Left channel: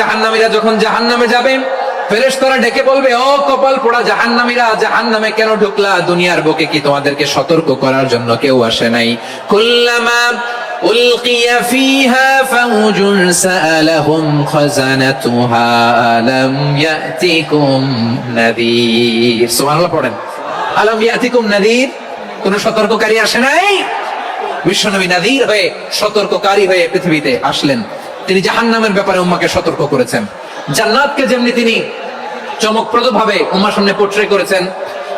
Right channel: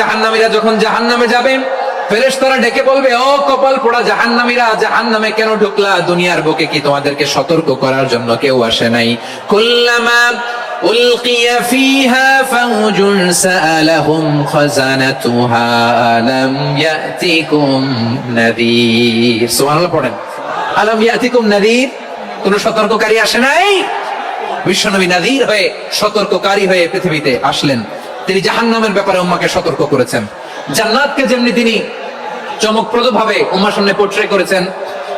জাহান্নামীরা যখন জাহান্নামে যাবে, ফেরেশতারা ডেকে বলবে, ও কপাল পোড়া জাহান্নামীরা, জাহান্নামে কেন ঢুকলা? দুনিয়ার বুকে কি তোমাদেরকে সতর্ক করার জন্য কেউ আসে নাই? কুল্লামা উলকিয়া ফিহা ফাউজুন সাআলাহুম খাজানাতুহা আলাম ইয়াতিকুম নাযীর। সুবহানাল্লাহ পড়েন, আলাম ইয়াতিকুম নাযীর। কোন সতর্ককারী আসে নাই? বিশ্বনবী নাযীর হয়ে, সতর্ককারী হয়ে পৃথিবীতে আসলেন। তিনি জাহান্নামের ব্যাপারে উম্মাকে সতর্ক করেছেন। জান্নাতকে যেমনি তিনি চমকপ্রদ ভাবে উম্মার সামনে পোর্ট্রে করেছেন,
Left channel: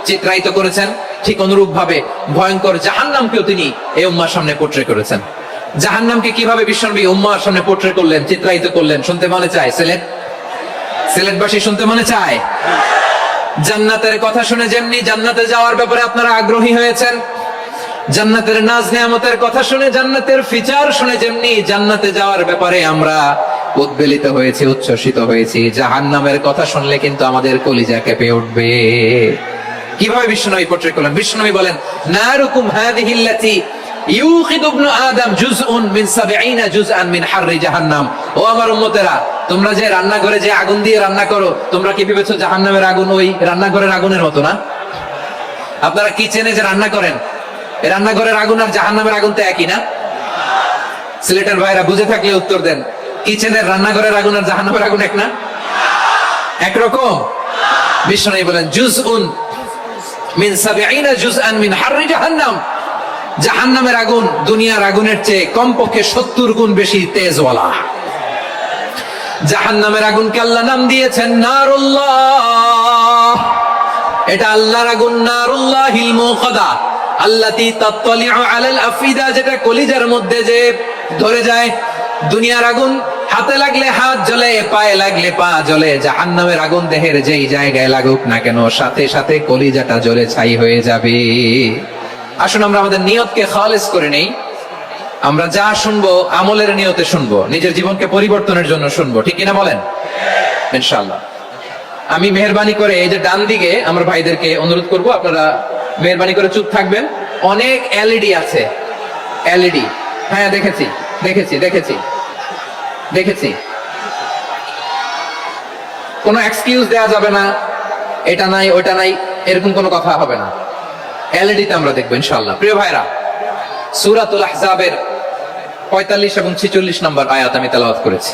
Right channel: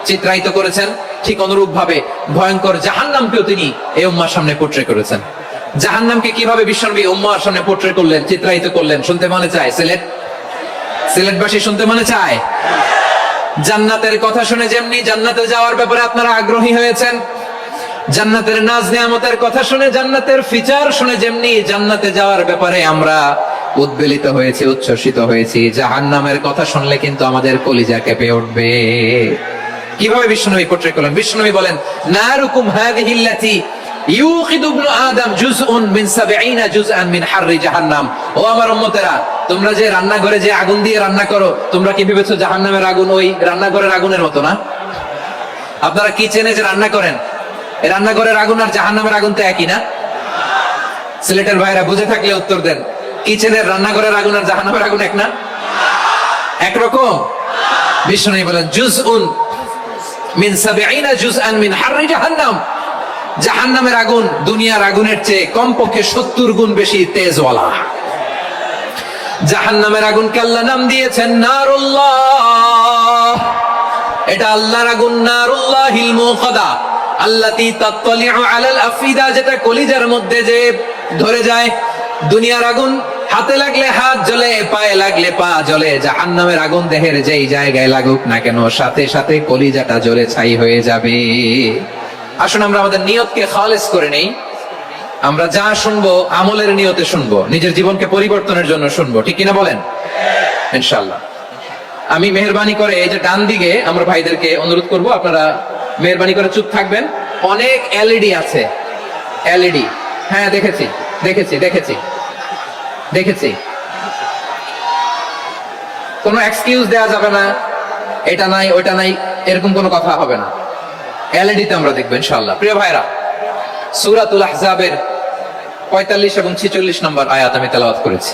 চিত্রায়িত করেছেন, ঠিক অনুরূপ ভাবে ভয়ঙ্কর জাহান্নামকেও তিনি এই উম্মার সামনে পোর্ট্রে করেছেন। জাহান্নামকে কিভাবে বিশ্বনবী উম্মার সামনে পোর্ট্রে করলেন, চিত্রায়িত করলেন, শুনতে মনে চায়? সিলেটবাসী শুনতে মনে চায়? জান্নাতের কথা শুনে যেমনি জান্নাতে যাওয়ার ব্যাপারে আপনারা আগ্রহী হয়েছেন, জান্নাতের নাজ নিয়ামতের কথা শুনে, জান্নাতের ফিচার শুনে যেমনি জান্নাতে যাওয়ার ব্যাপারে আমরা উদ্বেলিত হয়েছি, উচ্ছ্বসিত হয়েছি, জাহান্নামের কথা শুনলে কিন্তু আমাদের কলিজা কেঁপে উঠবে। কিভাবে বিশ্বনবী পোর্ট্রে করলেন? বিশ্বনবী বলেন, নারুকুম হাযিহিল্লাতী ইউকিদু ইবনু আদম জুজউন মিন ৭০ জুজআন মিন হাররি জাহান্নাম। ও আমার উম্মতেরা, তোমরা যে রান্নাঘরে যে আগুন দিয়ে রান্না করো, তোমরা কি ভেবেছো জাহান্নামের আগুন ওই রান্নাঘরের আগুনের মতো না? আপনারা কিচেনে যে রান্না করেন, এই রান্নাঘরের আগুন আর জাহান্নামের আগুন তো একই না? সিলেটের ভাইরা বুঝে থাকলে উত্তর দেন। কিচেনের রান্নাঘরের আগুন আর জাহান্নামের আগুন এক না? একরকম? বিশ্বনবী বলেন, জুজউন মিন ৭০ জুজআন মিন হাররি জাহান্নাম। জাহান্নামের আগুন দুনিয়ার আগুনের চেয়ে কমপক্ষে ৭০ গুণ বেশি তেজওয়ালা। জাহান্নামের আগুনকে আল্লাহ নাম দিয়েছেন নারুল্লাহ। এটা আল্লাহর আগুন, নারুল্লাহিল মুকাদা আল্লাতী তাত্তালিউ আলাল আফিদা, যেটা কলিজার মধ্যে যে ধরে যায়। দুনিয়ার আগুন হাতে লাগলে হাত জ্বলে, পায়ে লাগলে পা জ্বলে। জাহান্নামের আগুন দেহের যেই জায়গায় লাগুক না কেন, সাথে সাথে কলিজাটা জ্বলে ছাই হয়ে যাবে। আসুন আমরা আমাদের নিয়তকে খালেস করে নেই। আমরা যা শুনবো আমলের নিয়তে শুনবো, নিজের জীবনকে পরিবর্তনের জন্য শুনবো, ঠিক কিনা বলেন? ইনশাআল্লাহ। আমি মেহেরবানি করে এই যে ডান দিকে আমরা ভাইদেরকে অনুরোধ করব, আপনারা মেহেরবানি করে চুপ থাকবেন। অনেক এলইডি আছে, এলইডি। হ্যাঁ, দেখেছি দেখেছি দেখেছি দেখেছি। কোনো এক্সকিউজ দেওয়া যাবে না, এটা নাই ওটা নাই, এরকম কোনো কথা হবে না। এলইডিতে আমরা দেখবো ইনশাআল্লাহ। প্রিয় ভাইরা, সূরাতুল আহজাবের ৪৫ এবং ৪৬ নম্বর আয়াত আমি তেলাওয়াত করেছি,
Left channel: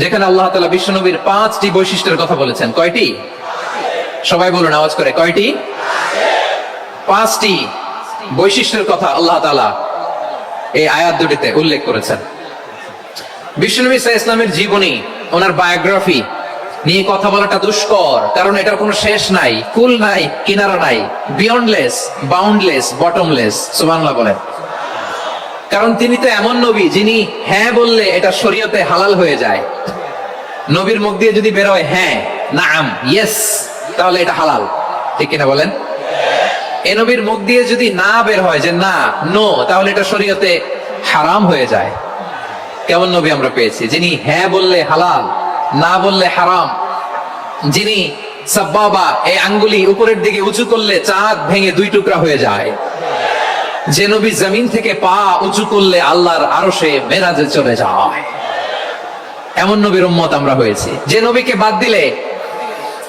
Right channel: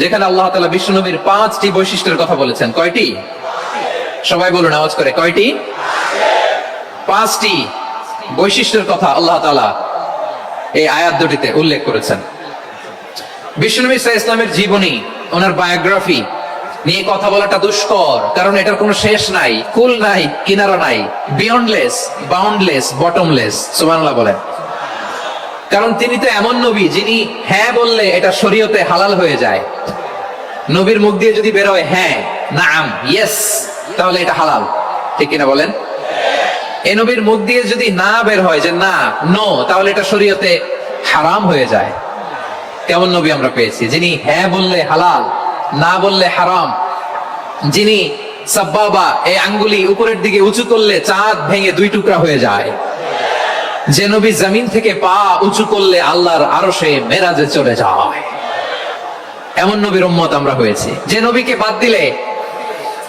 যেখানে আল্লাহ তাআলা বিশ্বনবীর ৫টি বৈশিষ্ট্যের কথা বলেছেন। কয়টি? সবাই বলুন আওয়াজ করে, কয়টি? ৫টি বৈশিষ্ট্যের কথা আল্লাহ তাআলা এই আয়াত দুটিতে উল্লেখ করেছেন। বিশ্বনবী সাল্লাল্লাহু আলাইহি ওয়াসাল্লামের জীবনী, ওনার বায়োগ্রাফি নিয়ে কথা বলাটা দুষ্কর, কারণ এটার কোনো শেষ নাই, কুল নাই, কিনারা নাই, বিয়ন্ডলেস, বাউন্ডলেস, বটমলেস। সুবহানাল্লাহ বলেন। কারণ তিনি তো এমন নবী যিনি হ্যাঁ বললে এটা শরীয়তে হালাল হয়ে যায়। নবীর মুখ দিয়ে যদি বের হয় হ্যাঁ, নাম, ইয়েস, তাহলে এটা হালাল, ঠিক কিনা বলেন? এই নবীর মুখ দিয়ে যদি না বের হয় যে না, নো, তাহলে এটা শরীয়তে হারাম হয়ে যায়। কেমন নবী আমরা পেয়েছি, যিনি হ্যাঁ বললে হালাল, না বললে হারাম, যিনি সাব্বাবা, এই আঙ্গুলি উপরের দিকে উঁচু করলে চাঁদ ভেঙে 2 টুকরা হয়ে যায়, যে নবী জমিন থেকে পা উঁচু করলে আল্লাহর আরশে মেরাজে চলে যায়। এমন নবীর উম্মত আমরা হয়েছি। যে নবীকে বাদ দিলে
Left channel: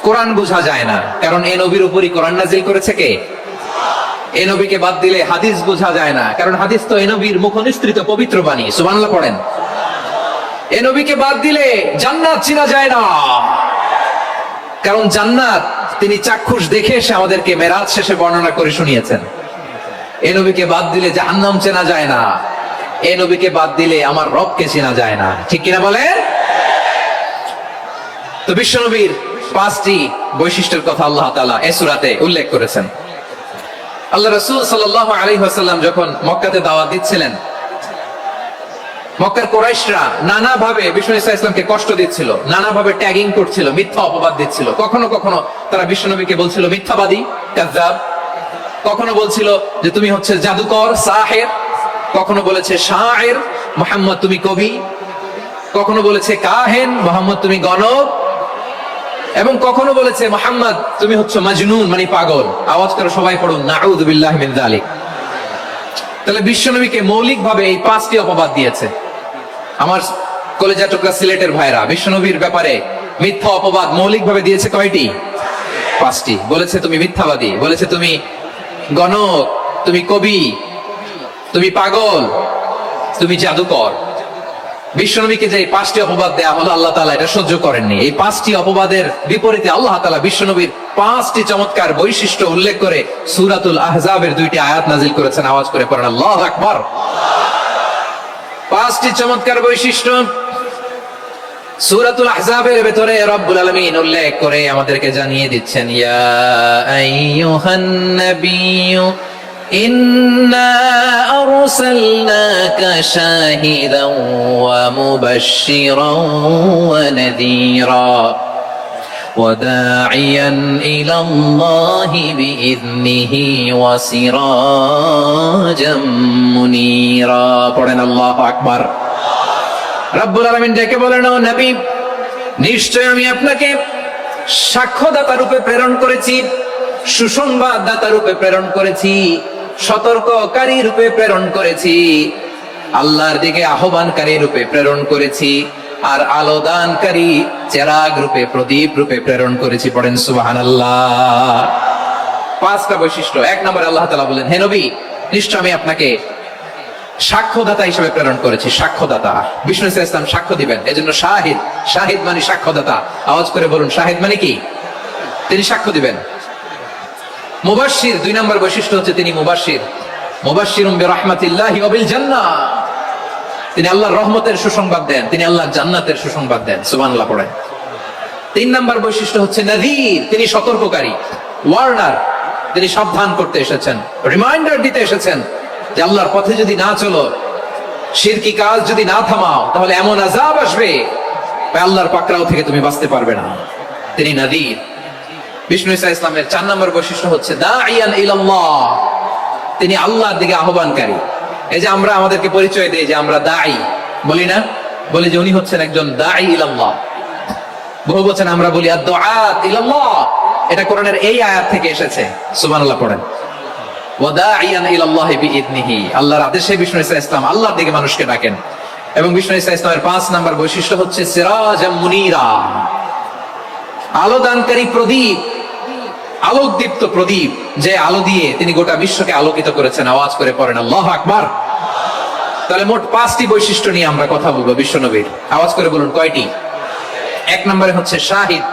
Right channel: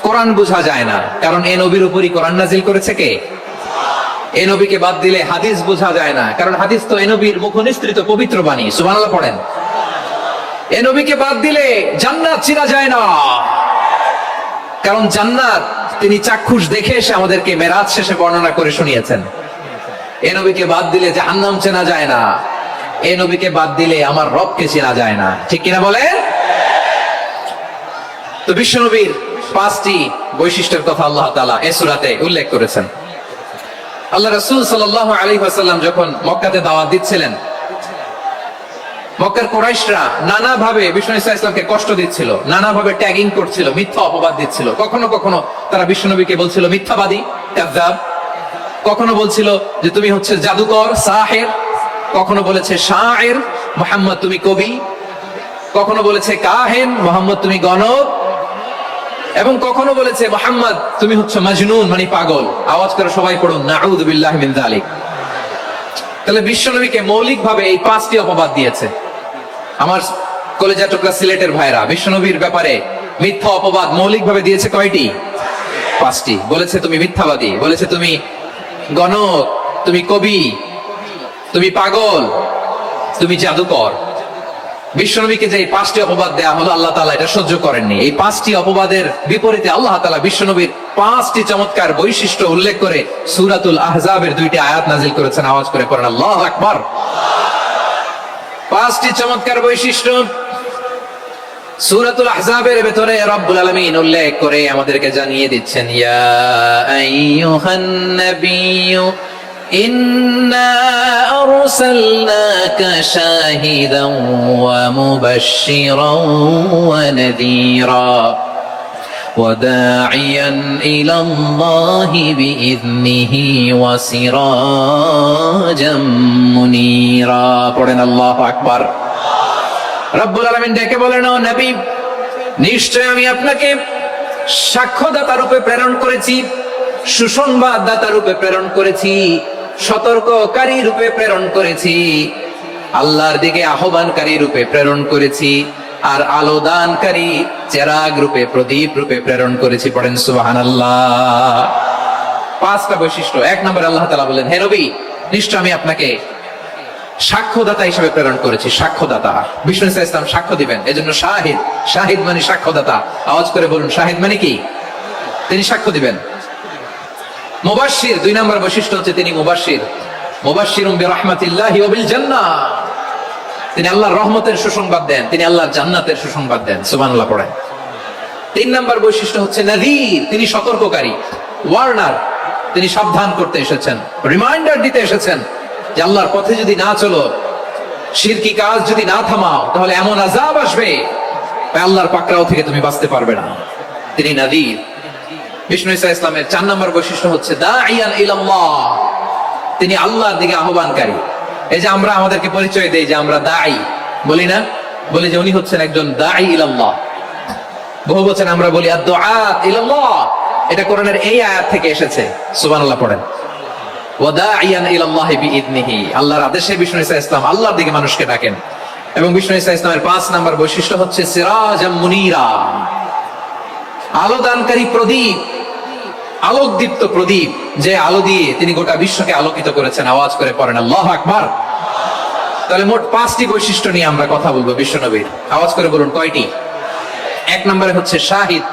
কোরআন বোঝা যায় না, কারণ এই নবীর উপরই কোরআন নাজিল করেছে কে? এই নবীকে বাদ দিলে হাদিস বোঝা যায় না, কারণ হাদিস তো এই নবীর মুখনিসৃত পবিত্র বাণী। সুবহানাল্লাহ পড়েন। এই নবীকে বাদ দিলে জান্নাত চেনা যায় না, কারণ জান্নাত তিনি চাক্ষুষ দেখে এসে আমাদেরকে মেরাজ শেষে বর্ণনা করে শুনিয়েছেন। এই নবীকে বাদ দিলে জাহান্নাম চেনা যায় না, এই নবীকে বাদ দিলে আমার রবকে চেনা যায় না, ঠিক কিনা বলেন? তো বিশ্বনবীর 5টি বৈশিষ্ট্যের কথা আল্লাহ তাআলা এই সূরাতে উল্লেখ করেছেন। আল্লাহ রাসূল সাল্লাল্লাহু আলাইহি ওয়াসাল্লাম যখন মক্কাতে দাওয়াত দিচ্ছিলেন, মক্কার কুরাইশরা নানা ভাবে বিশ্বনবী সাল্লাল্লাহু আলাইহি ওয়াসাল্লামকে কষ্ট দিচ্ছিল, নানা ভাবে ট্যাগিং করছিল, মিথ্যা অপবাদ দিচ্ছিল। কখনো কখনো তারা বিশ্বনবীকে বলছিল মিথ্যাবাদী, কাযযাব। কখনো বলছিল যে তুমি হচ্ছে জাদুকর, সাহির। কখনো বলেছে শায়ের, মুহাম্মদ তুমি কবি। কখনো বলেছে কাহেন, মুহাম্মদ তুমি গণক। এবং কখনো বলেছে মুহাম্মদ তুমি হচ্ছে মাজনুন, মানে পাগল। আওয়াজ করে সবাই পড়ুন, নাউযু বিল্লাহি মিন যালিক। তাহলে বিশ্বনবীকে মৌলিকভাবে এই 5টি অপবাদ দিয়েছে। আমার কলেজা টুকরা সিলেটের ভাইরা, বিশ্বনবীর ব্যাপারে মিথ্যা অপবাদ মৌলিকভাবে দিয়েছে কয়টি? 5টি। বলেছে তুমি মিথ্যাবাদী, বলেছে তুমি গণক, তুমি কবি, তুমি পাগল, তুমি জাদুকর। বিশ্বনবীকে যে 5টি অপবাদ দেয়া হলো, আল্লাহ তাআলা এটা সহ্য করেননি। এই 5টি অপবাদের বিপরীতে আল্লাহ তাআলা বিশ্বনবীর 5টি চমৎকার বৈশিষ্ট্য উল্লেখ করে সূরাতুল আহজাবের 2টি আয়াত নাজিল করেছেন। আওয়াজ করে পড়েন আল্লাহু আকবার। 5টি চমৎকার বৈশিষ্ট্য সূরাতুল আহজাবের ভেতরে রব্বুল আলামিন উল্লেখ করে আমাদেরকে জানিয়ে দিচ্ছেন, ইয়া আইয়ুহান নাবিয়্যু ইন্না আরসালনাকা শাহিদান ওয়া মুবাশশিরান ওয়া নাযীরা ওয়া দাঈয়ান ইলাল্লাহি বিইذনিহি ওয়া সিরাজাম মুনীরা। পড়েন আল্লাহু আকবার। রব্বুল আলামিন ডেকে বলেন, ও নবী, নিশ্চয় আমি আপনাকে সাক্ষ্যদাতা রূপে প্রেরণ করেছি, সুসংবাদদাতা রূপে প্রেরণ করেছি, সতর্ককারী রূপে প্রেরণ করেছি, আল্লাহর দিকে আহ্বানকারী রূপে প্রেরণ করেছি, আর আলোদানকারী চেরাগ রূপে, প্রদীপ রূপে প্রেরণ করেছি। পড়েন সুবহানাল্লাহ। 5টা বৈশিষ্ট্য। 1 নম্বরে আল্লাহ তাআলা বলেন, হে নবী, নিশ্চয় আমি আপনাকে সাক্ষ্যদাতা হিসেবে প্রেরণ করেছি। সাক্ষ্যদাতা, বিষ্ণু ইসলাম সাক্ষ্য দিবেন, এজন্য শাহিদ। শাহিদ মানে সাক্ষ্যদাতা। আওয়াজ করে বলুন, শাহিদ মানে কি? তিনি সাক্ষ্য দিবেন। মুবাশশির, 2 নম্বর বৈশিষ্ট্য হচ্ছে তিনি মুবাশশির। মুবাশশিরুম বিরাহমাতিল্লাহি ওয়া বিল জান্নাহ, তিনি আল্লাহর রহমতের সুসংবাদ দেন, তিনি আল্লাহর জান্নাতের সুসংবাদ দেন। সুবহানাল্লাহ পড়েন। 3 নম্বর বৈশিষ্ট্য হচ্ছে নাযীর, তিনি সতর্ককারী, ওয়ার্নার, তিনি সাবধান করতে এসেছেন, রিমাইন্ডার দিতে এসেছেন যে আল্লাহর পথে যদি না চলো, শিরকি কাজ যদি না থামাও, তাহলে এমন আযাব আসবে আল্লাহর পাকড়াও থেকে তুমি বাঁচতে পারবে না। তিনি নাযীর। বিষ্ণু ঈসা ইসলামের 4 নম্বর বৈশিষ্ট্য হচ্ছে দাঈয়ান ইলাল্লাহ, তিনি আল্লাহর দিকে আহ্বানকারী। এই যে আমরা আমাদেরকে পরিচয় দেই যে আমরা দাঈ, বলি না? বলি যে উনি হচ্ছেন একজন দাঈ ইলাল্লাহ। বহু বচন আমরা বলি আদ-দুআত ইলাল্লাহ, এটা কোরআনের এই আয়াত থেকে এসেছে। সুবহানাল্লাহ পড়েন। ওয়া দাঈয়ান ইলাল্লাহি বিইذনিহি, আল্লাহর আদেশে বিষ্ণু ঈসা ইসলাম আল্লাহর দিকে মানুষকে ডাকেন। এবং বিষ্ণু ঈসা ইসলামের 5 নম্বর বৈশিষ্ট্য হচ্ছে সিরাজাম মুনীরা, আলোদানকারী প্রদীপ, আলোকদীপ্ত প্রদীপ, যে আলো দিয়ে তিনি গোটা বিশ্বকে আলোকিত করেছেন। আওয়াজ করে পড়েন আল্লাহু আকবার। তাহলে মোট 5টি বৈশিষ্ট্য নিয়ে আমরা কথা বলবো বিশ্বনবীর। আওয়াজ করে বলুন কয়টি? 1 নম্বরে হচ্ছে শাহিদ,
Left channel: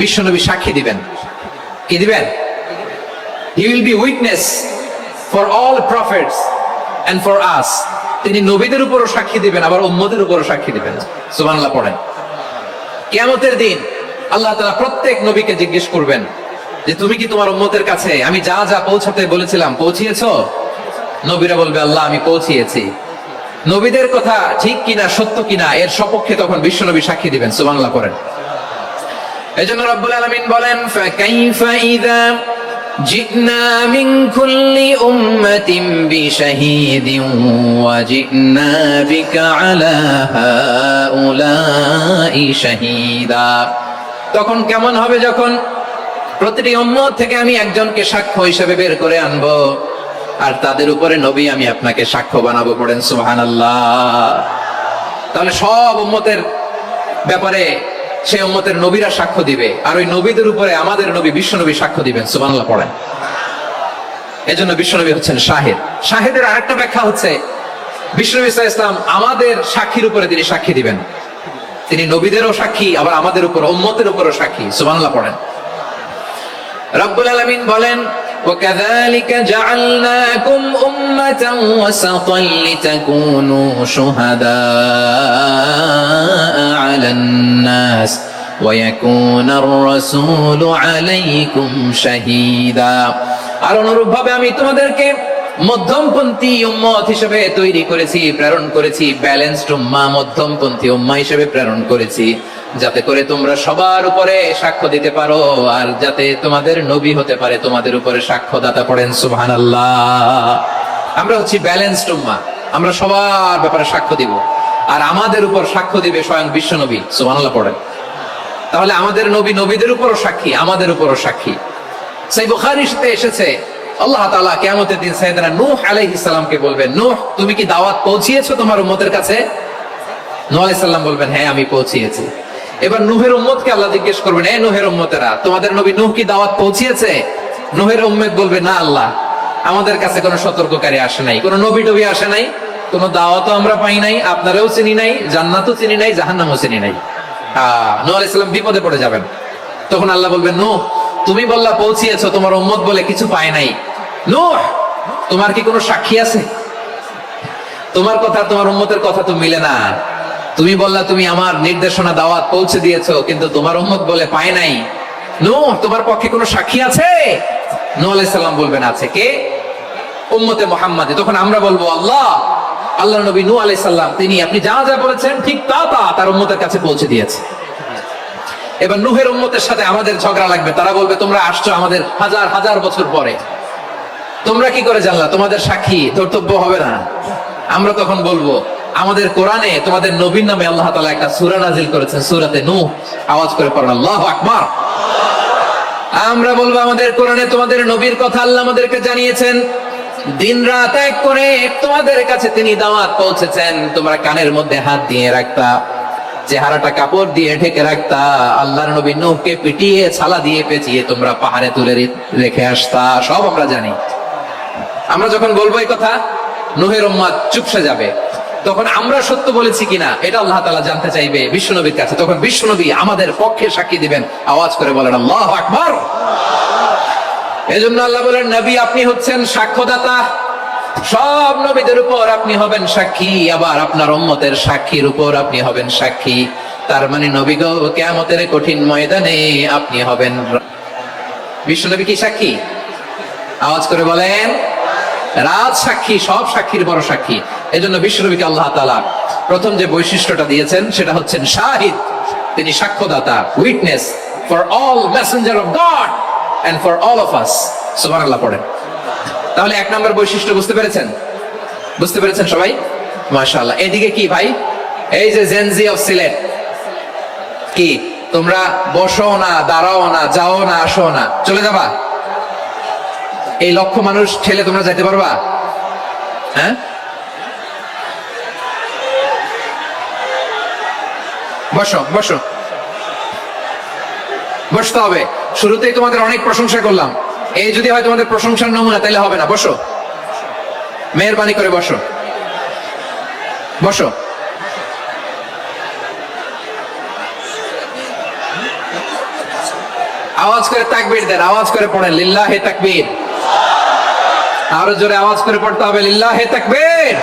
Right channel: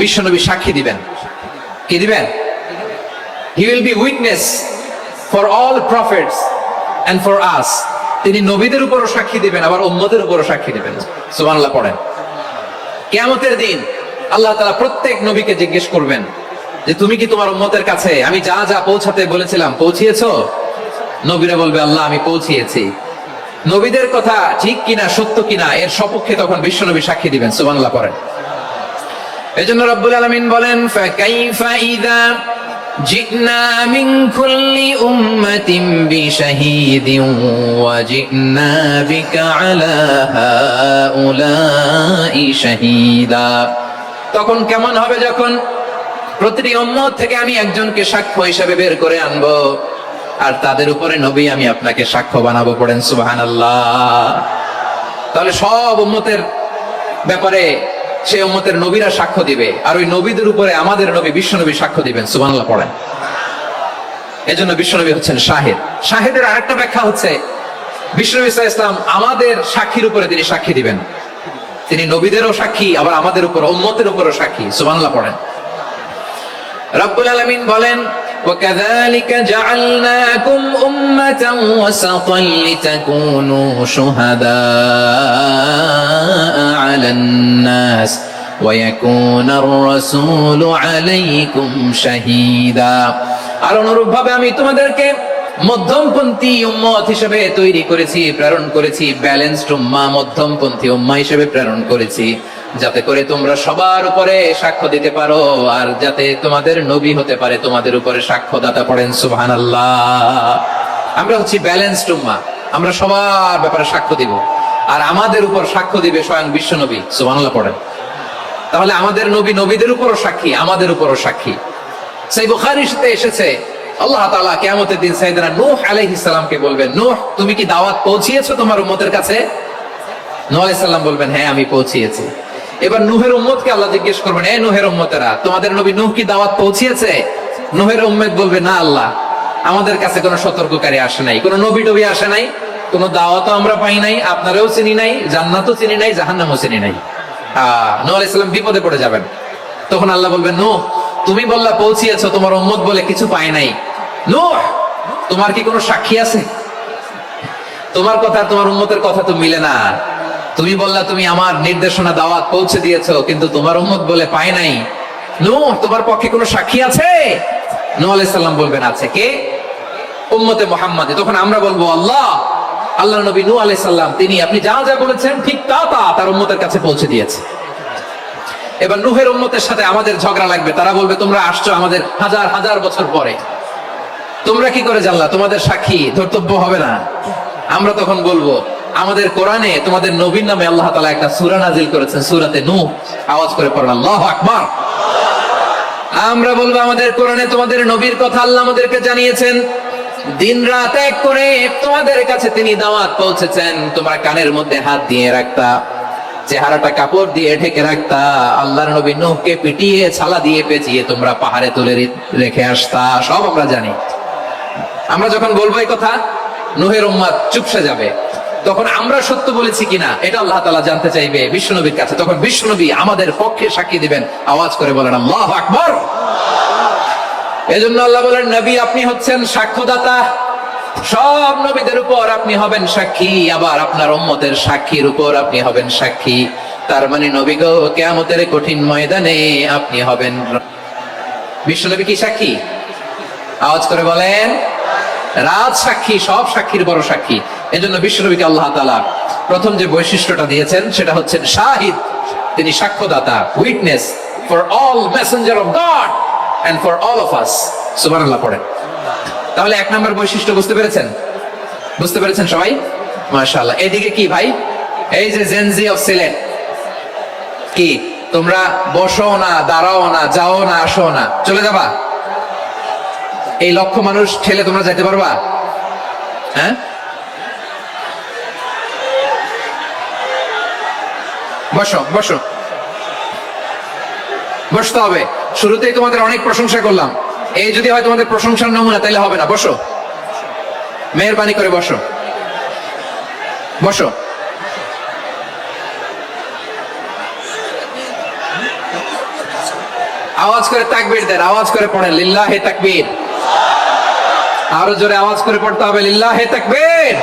বিশ্বনবী সাক্ষী দিবেন। কি দিবেন? He will be witness for all prophets and for us. তিনি নবীদের উপরও সাক্ষী দিবেন, আবার উম্মতের উপরও সাক্ষী দিবেন। সুবহানাল্লাহ পড়েন। কিয়ামতের দিন আল্লাহ তাআলা প্রত্যেক নবীকে জিজ্ঞেস করবেন যে তুমি কি তোমার উম্মতের কাছে আমি যা যা পৌঁছাতে বলেছিলাম পৌঁছিয়েছো? নবীরা বলবে আল্লাহ আমি পৌঁছিয়েছি। নবীদের কথা ঠিক কিনা, সত্য কিনা, এর সপক্ষে তখন বিশ্বনবী সাক্ষী দিবেন। সুবহানাল্লাহ পড়েন। এজন্য রব্বুল আলামিন বলেন, ফাকাইফা ইযা জি'না মিন কুল্লি উম্মাতিন বিশাহীদিন ওয়া জি'না বিকা আলা হাউলাই শাহীদা। তখন কেমন হবে যখন প্রতিটি উম্মত থেকে আমি একজনকে সাক্ষ্য হিসেবে বের করে আনবো, আর তাদের উপরে নবী আমি আপনাকে সাক্ষ্য বানাবো। পড়েন সুবহানাল্লাহ। তাহলে সব উম্মতের ব্যাপারে সে উম্মতের নবীরা সাক্ষ্য দিবে, আর ওই নবীদের উপরে আমাদের নবী বিশ্বনবী সাক্ষ্য দিবেন। সুবহানাল্লাহ পড়েন। এজন্য বিশ্বনবী হচ্ছেন শাহিদ। শাহিদের আরেকটা ব্যাখ্যা হচ্ছে বিশ্বনবী সাল্লাল্লাহু আলাইহি ওয়াসাল্লাম আমাদের সাক্ষীর উপরে তিনি সাক্ষী দিবেন। তিনি নবীদেরও সাক্ষী, আবার আমাদের উপর, উম্মতের উপরও সাক্ষী। সুবহানাল্লাহ পড়েন। রব্বুল আলামিন বলেন, وَكَذَلِكَ جَعَلْنَاكُمْ أُمَّةً وَسَطًا لِتَكُونُوا شُهَدَاءَ عَلَى النَّاسِ وَيَكُونَ الرَّسُولُ عَلَيْكُمْ شَهِيدًا। আর অনুরূপভাবে আমি তোমাদেরকে মধ্যমপন্থী উম্মত হিসেবে তৈরি করেছি, প্রেরণ করেছি, ব্যালেন্সড উম্মাহ, মধ্যমপন্থী উম্মাহ হিসেবে প্রেরণ করেছি, যাতে করে তোমরা সবার উপরে সাক্ষ্য দিতে পারো, আর যাতে তোমাদের নবী হতে পারে তোমাদের উপরে সাক্ষ্যদাতা। পড়েন সুবহানাল্লাহ। আমরা হচ্ছি ব্যালেন্সড উম্মাহ, আমরা সবার ব্যাপারে সাক্ষ্য দিব, আর আমাদের উপর সাক্ষ্য দিবে স্বয়ং বিশ্ব নবী। সুবহানাল্লাহ পড়েন। তাহলে আমাদের নবী নবীদের উপরও সাক্ষী, আমাদের উপরও সাক্ষী। সহিহ বুখারীতে এসেছে আল্লাহ তাআলা কিয়ামতের দিন সাইয়েদনা নূহ আলাইহিস সালামকে বলবেন, নূহ তুমি কি দাওয়াত পৌঁছিয়েছো তোমার উম্মতের কাছে? নূহ আলাইহিস সালাম বলবেন হ্যাঁ আমি পৌঁছিয়েছি। এবার নূহের উম্মতকে আল্লাহ জিজ্ঞেস করবেন, এ নূহের উম্মতেরা, তোমাদের নবী নূহ কি দাওয়াত পৌঁছিয়েছে? নূহের উম্মত বলবে না আল্লাহ, আমাদের কাছে কোনো সতর্ককারী আসে নাই, কোনো নবী টবি আসে নাই, কোনো দাওয়াতও আমরা পাই নাই, আপনারাও চিনি নাই, জান্নাতও চিনি নাই, জাহান্নামও চিনি নাই। নূহ আলাইহিস সালাম বিপদে পড়ে যাবেন। তখন আল্লাহ বলবেন, নূহ তুমি বললা পৌঁছিয়েছো, তোমার উম্মত বলে কিছু পায় নাই। নূহ তোমার কি কোনো সাক্ষী আছে? তোমার কথা তোমার উম্মতের কথা তো মিলে না। তুমি বললা তুমি আমার নির্দেশনা দাওয়াত পৌঁছে দিয়েছো, কিন্তু তোমার উম্মত বলে পায় নাই। নূহ তোমার পক্ষে কোনো সাক্ষী আছে? নূহ আলাইহিস সালাম বলবেন আছে। কে? উম্মতে মুহাম্মাদী। তখন আমরা বলবো আল্লাহ, আল্লাহ নবী নূহ আলাইহিস সালাম তিনি আপনি যা যা বলেছেন ঠিক তা তা তার উম্মতের কাছে পৌঁছে দিয়েছে। এবার নূহের উম্মতের সাথে আমাদের ঝগড়া লাগবে। তারা বলবে তোমরা আসছো আমাদের হাজার হাজার বছর পরে, তোমরা কি করে জানলা? তোমাদের সাক্ষী ধর্তব্য হবে না? আমরা তখন বলবো আমাদের কোরআনে তোমাদের নবীর নামে আল্লাহ তাআলা একটা সূরা নাজিল করেছেন, সূরাতে নূহ। আওয়াজ করে পড়ুন আল্লাহু আকবার। আমরা বলবো আমাদের কোরআনে তোমাদের নবীর কথা আল্লাহ আমাদেরকে জানিয়েছেন, দিন রাত এক করে তোমাদের কাছে তিনি দাওয়াত পৌঁছেছেন। তোমরা কানের মধ্যে হাত দিয়ে রাখতা, চেহারাটা কাপড় দিয়ে ঢেকে রাখতা, আল্লাহর নবী নূহকে পিটিয়ে ছালা দিয়ে পেঁচিয়ে তোমরা পাহাড়ে তুলে রেখে আসতা, সব আমরা জানি। আমরা যখন বলবো এই কথা, নূহের উম্মত চুপসে যাবে। তখন আমরা সত্য বলেছি কিনা এটা আল্লাহ তাআলা জানতে চাইবে বিশ্বনবীর কাছে। তখন বিশ্বনবী আমাদের পক্ষে সাক্ষী দিবেন। আওয়াজ করে বলেন আল্লাহু আকবার। এজন্য আল্লাহ বলেন, নবী আপনি হচ্ছেন সাক্ষ্যদাতা, সব নবীদের উপর আপনি হবেন সাক্ষী, আবার আপনার উম্মতের সাক্ষীর উপর আপনি হবেন সাক্ষী। তার মানে নবী গো, কিয়ামতের কঠিন ময়দানে আপনি হবেন বিশ্বনবী কি সাক্ষী? আওয়াজ করে বলেন রাজ সাক্ষী, সব সাক্ষীর বড় সাক্ষী। এজন্য বিশ্বনবীকে আল্লাহ তাআলা প্রথম যে বৈশিষ্ট্যটা দিয়েছেন সেটা হচ্ছেন শাহিদ। তিনি সাক্ষ্যদাতা, witness for all messenger of God and for all of us. সুবহানাল্লাহ পড়েন। তাহলে এক নম্বর বৈশিষ্ট্য বুঝতে পেরেছেন? বুঝতে পেরেছেন সবাই? মাশাআল্লাহ। এদিকে কি ভাই, এই যে জেনজি অফ সিলেট, কি তোমরা বসো না, দাঁড়াও না, যাও না, আসো না, চলে যাবা? এই লক্ষ মানুষ ঠেলে তোমরা যাইতে পারবা? হ্যাঁ, বসো বসো, বসতে হবে। শুরুতেই তোমাদের অনেক প্রশংসা করলাম, এই যদি হয় তোমাদের প্রশংসার নমুনা তাইলে হবে না। বসো, মেহেরবানি করে বসো, বসো। আওয়াজ করে তাকবীর দেন, আওয়াজ করে পড়েন লিল্লাহে তাকবীর। আরো জোরে আওয়াজ করে পড়তে হবে লিল্লাহে তাকবীর,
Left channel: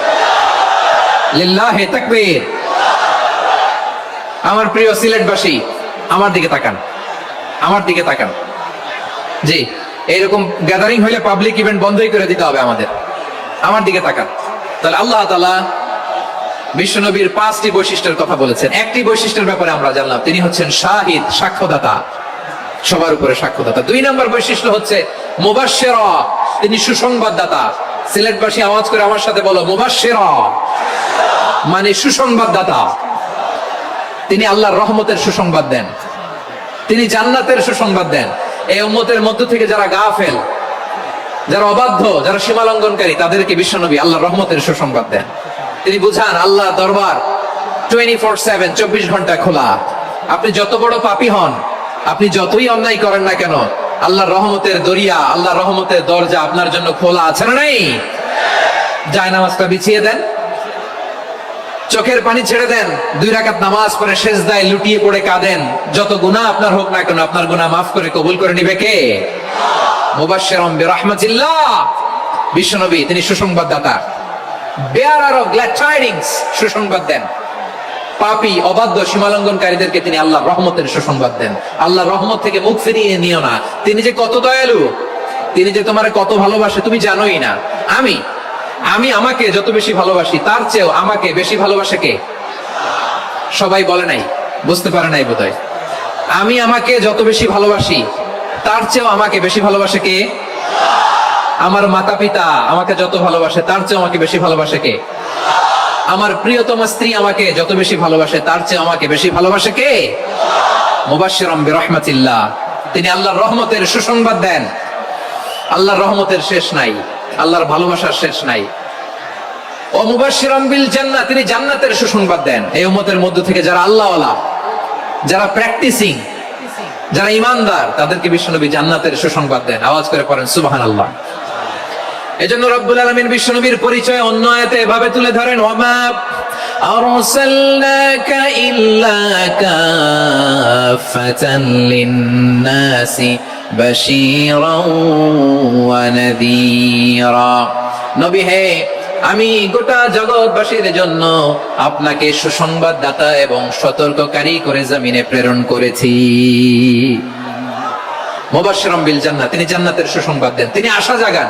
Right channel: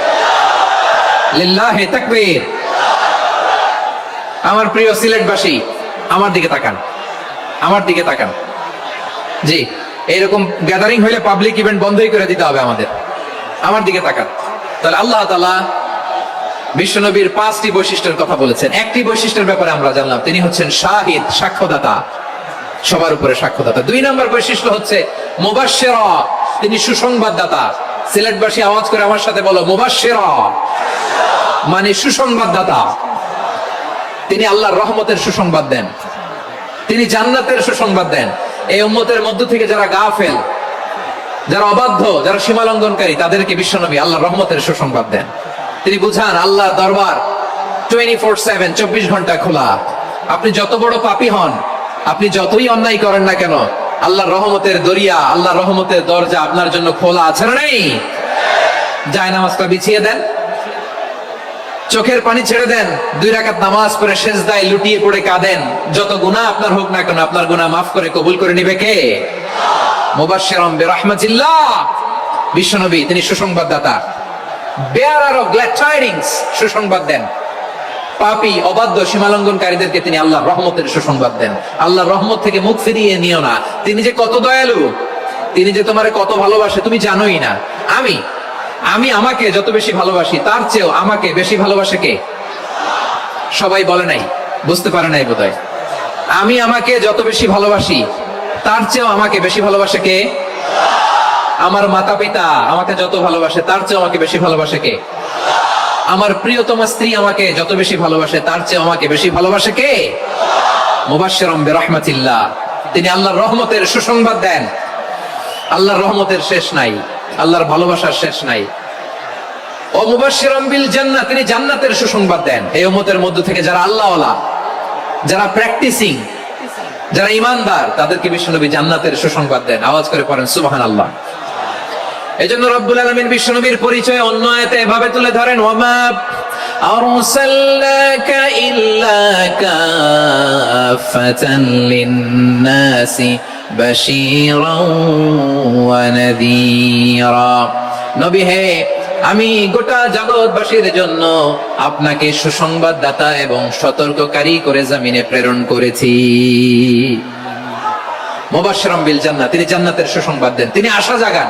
লিল্লাহে তাকবীর। আমার প্রিয় সিলেটবাসী, আমার দিকে তাকান, আমার দিকে তাকান। জি, এইরকম গ্যাদারিং হইলে পাবলিক ইভেন্ট বন্ধই করে দিতে হবে আমাদের। আমার দিকে তাকান। তাহলে আল্লাহ তাআলা বিশ্বনবীর 5টি বৈশিষ্ট্যের কথা বলেছেন। একটি বৈশিষ্ট্যের ব্যাপারে আমরা জানলাম, তিনি হচ্ছেন শাহিদ, সাক্ষ্যদাতা, সবার উপরে সাক্ষ্যদাতা। 2 নম্বর বৈশিষ্ট্য হচ্ছে মুবাশশিরা, তিনি সুসংবাদদাতা। সিলেটবাসী আওয়াজ করে আমার সাথে বলো মুবাশশিরা, মানে সুসংবাদদাতা। তিনি আল্লাহর রহমতের সুসংবাদ দেন, তিনি জান্নাতের সুসংবাদ দেন। এই উম্মতের মধ্য থেকে যারা গাফেল, যারা অবাধ্য, যারা সীমালঙ্ঘনকারী, তাদেরকে বিশ্বনবী আল্লাহর রহমতের সুসংবাদ দেন। তিনি বুঝান আল্লাহর দরবার 24/7, 24 ঘন্টা খোলা। আপনি যত বড় পাপী হন, আপনি যতই অন্যায় করেন না কেন, আল্লাহর রহমতের দরিয়া, আল্লাহর রহমতের দরজা আপনার জন্য খোলা আছে না নেই? জায়নামাজটা বিছিয়ে দেন, চোখের পানি ছেড়ে দেন, 2 রাকাত নামাজ পড়ে সেজদায় লুটিয়ে পড়ে কাঁদেন। যত গুনাহ আপনার হোক না কেন, আপনার গুনাহ মাফ করে কবুল করে নিবে কে? মুবাশশিরাম বিরহমাতিল্লাহ। বিশ্বনবী তিনি সুসংবাদদাতা, বেয়ারার অফ গ্ল্যাড টাইডিংস, সুসংবাদ দেন। পাপী, অবাধ্য, সীমালঙ্ঘনকারীদেরকে তিনি আল্লাহর রহমতের সুসংবাদ দেন। আল্লাহর রহমত থেকে মুখ ফিরিয়ে নিও না। তিনি যে কত দয়ালু, তিনি যে তোমারে কত ভালোবাসে তুমি জানোই না। আমি আমাকে যত বেশি ভালোবাসি, তার চেয়েও আমাকে বেশি ভালোবাসে কে? সবাই বলে নাই, বুঝতে পারে নাই বোধহয়। আমি আমাকে যত বেশি ভালোবাসি, তার চেয়েও আমাকে বেশি ভালোবাসে কে? আমার মাতা পিতা আমাকে যত ভালোবাসে, তার চেয়েও আমাকে বেশি ভালোবাসে কে? আমার প্রিয়তমা স্ত্রী আমাকে যত বেশি ভালোবাসে, তার চেয়ে আমাকে বেশি ভালোবাসে কে? মুবাশশিরাম বিরহমাতিল্লাহ, তিনি আল্লাহর রহমতের সুসংবাদ দেন। আল্লাহর রহমতের শেষ নাই, আল্লাহর ভালোবাসার শেষ নাই। ও মুবাশশিরাম বিল জান্নাহ, তিনি জান্নাতের সুসংবাদ দেন এই উম্মতের মধ্য থেকে যারা আল্লাহওয়ালা, যারা প্র্যাকটিসিং, যারা ঈমানদার, তাদেরকে বিশ্বনবী জান্নাতের সুসংবাদ দেন। আওয়াজ করে পড়েন সুবহানাল্লাহ। এজন্য রব্বুল আলামিন বিশ্বনবীর পরিচয় অন্য আয়াতে এভাবে তুলে ধরেন, ওয়ামা আরসালনাকা ইল্লা কাফাতান লিন-নাসি বাশীরাও ওয়া নাযীরা। নবী হে, আমি গোটা জগৎবাসীর জন্য আপনাকে সুসংবাদদাতা এবং সতর্ককারী করে জমিনে প্রেরণ করেছি। মুবাশশিরাম বিল জান্নাহ, তিনি জান্নাতের সুসংবাদ দেন, তিনি আশা জাগান।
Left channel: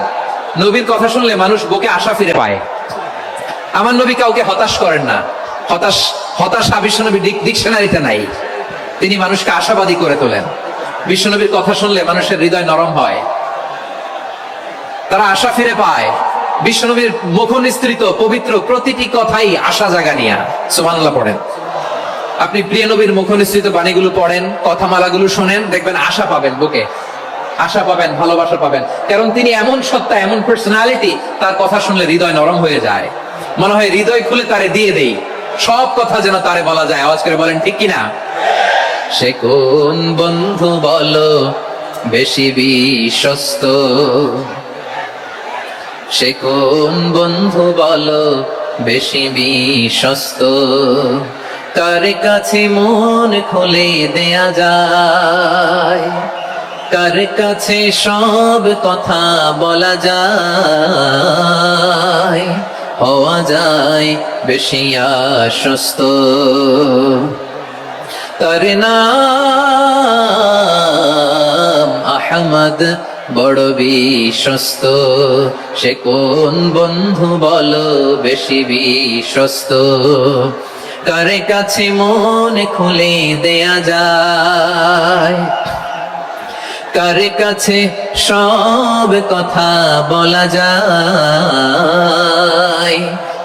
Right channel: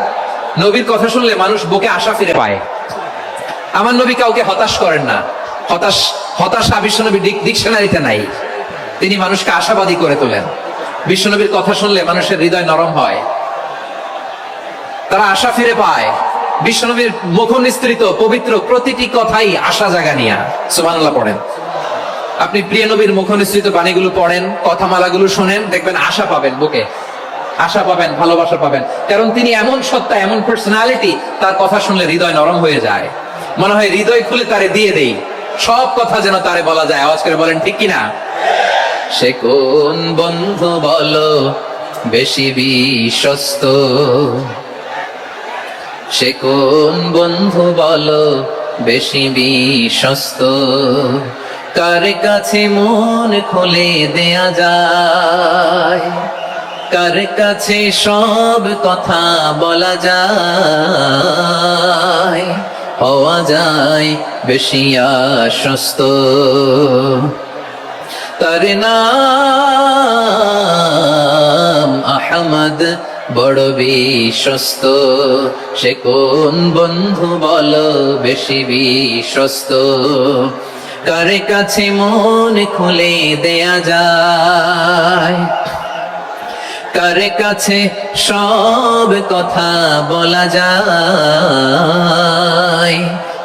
নবীর কথা শুনলে মানুষ বুকে আশা ফিরে পায়। আমার নবী কাউকে হতাশ করেন না। হতাশা বিশ্বনবীর ডিকশনারিতে নাই। তিনি মানুষকে আশাবাদী করে তোলেন। বিশ্বনবীর কথা শুনলে মানুষের হৃদয় নরম হয়, তারা আশা ফিরে পায়। বিশ্বনবীর মুখ নিঃসৃত পবিত্র প্রতিটি কথাই আশা জাগানিয়া। সুবহানাল্লাহ পড়েন। আপনি প্রিয় নবীর মুখ নিঃসৃত বাণীগুলো পড়েন, কথামালাগুলো শোনেন, দেখবেন আশা পাবেন, বুকে আশা পাবেন, ভালোবাসা পাবেন। কারণ তিনি এমন সত্তা, এমন পার্সোনালিটি, তার কথা শুনলে হৃদয় নরম হয়ে যায়। মনে হয় হৃদয় খুলে তারে দিয়ে দেই, সব কথা যেন তারে বলা যায়। আওয়াজ করে বলেন ঠিক কিনা? সে কোন বন্ধু বলো বেশি বিশ্বস্ত, সে কোন বন্ধু বলো বেশি বিশ্বস্ত, কার কাছে মন খুলে দেয়া যায়, কার কাছে সব কথা বলা যায়, হওয়া যায় বেশি আশ্বস্ত। তার নাম আহমদ, বড় বিশ্বস্ত। সে কোন বন্ধু বলো বেশি বিশ্বস্ত, কার কাছে মন খুলে দেয়া যায়, কার কাছে সব কথা বলা যায়,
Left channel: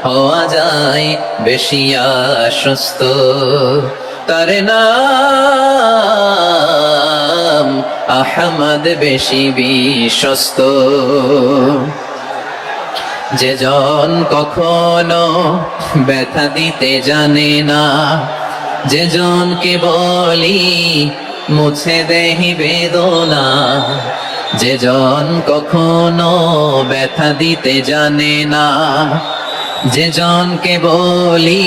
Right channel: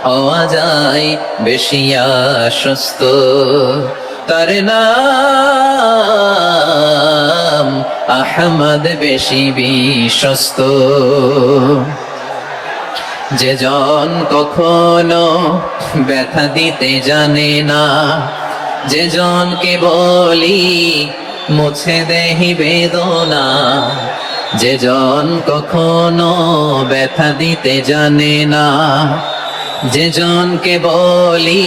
হওয়া যায় বেশি আশ্বস্ত। তার নাম আহমদ, বেশি বিশ্বস্ত। যে জন কখনো ব্যথা দিতে জানে না, যে জনকে বলি মুছে দেহি বেদনা, যে জন কখনো ব্যথা দিতে জানে না, যে জনকে বলি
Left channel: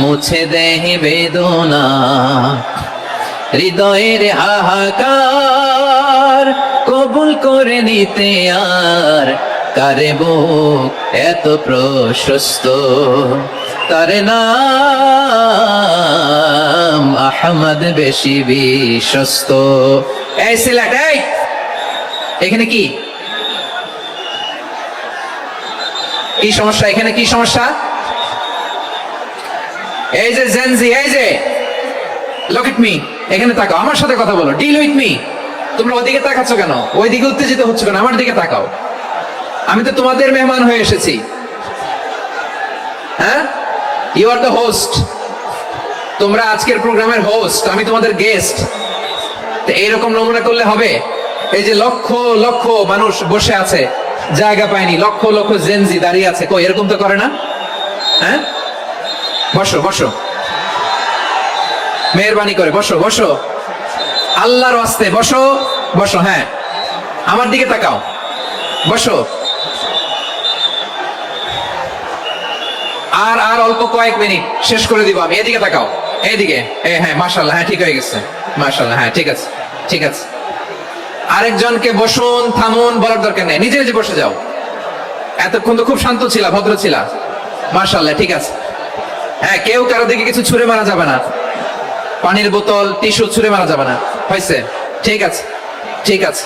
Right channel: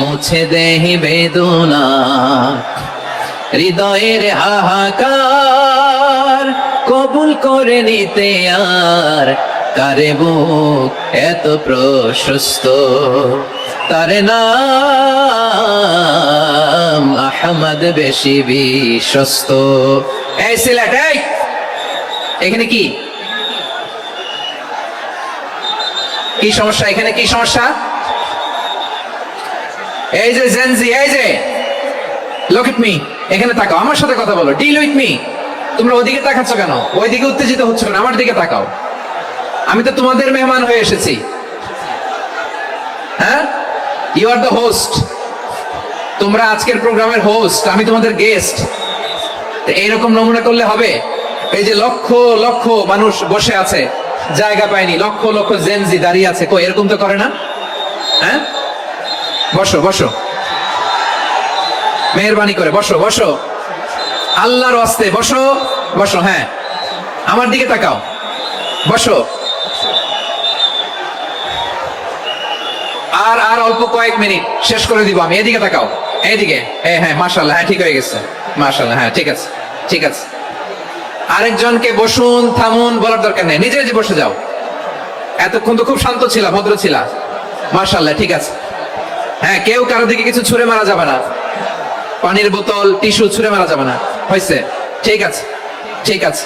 মুছে দেহি বেদনা, হৃদয়ের হাহাকার কবুল করে নিতে আর কারে বুক এত প্রশস্ত। তার নাম আহমদ, বেশি বিশ্বস্ত। এই সিলেট, এখানে কি কি সমস্যা? এখানে কি সমস্যা? এই যে জেনজি, এই যে লুক এট মি, এখানে তাকাও, আমার সাথে কথা বলো, ডিল উইথ মি। তোমরা ওইদিকে তাকাচ্ছ কেন? ওইদিকে উত্তেজিত হচ্ছ কেন? আমার দিকে তাকাও। আমি তো তোমাদের মেহমান হয়ে এসেছি। হ্যাঁ, ইউ আর দ্য হোস্ট। তোমরা আজকের প্রোগ্রামের হোস্ট, আমি তোমাদের গেস্ট। এইরকম নমুনা করলে হবে? এই যে লক্ষ লক্ষ মানুষ বসে আছে, জায়গা পায়নি, লক্ষ লক্ষ জেনজি দাঁড়িয়ে আছে, কই এরকম তো করে না? হ্যাঁ, বসো বসো, মেহরবানি করে বসো বসো, আল্লাহর ওয়াস্তে বসো বসো। হ্যাঁ, আমার দিকে তাকাও, বসো। আর আর অল্প কয়েক মিনিট, শেষ করে দিব আমি। এদিকে তাকাও, এইদিকে। হ্যাঁ, মাশাআল্লাহ, হ্যাঁ ঠিক হয়ে গেছে, মাশাআল্লাহ, হ্যাঁ ঠিক আছে, ঠিক আছে। আরেকজনকে বসুন, থামুন বলার দরকার নেই, নিজে নিজে বসে যাও। এতক্ষণ তো খুব শান্ত ছিলা, ভদ্র ছিলা, মাশাআল্লাহ, ঠিক আছে। হ্যাঁ, কেউ কারো দিকে কিছু ছুঁড়ে মারা যাবে না, পানির বোতল, টিস্যু ছুঁড়ে মারা যাবে না, হয়েছে? ঠিক আছে, ঠিক আছে।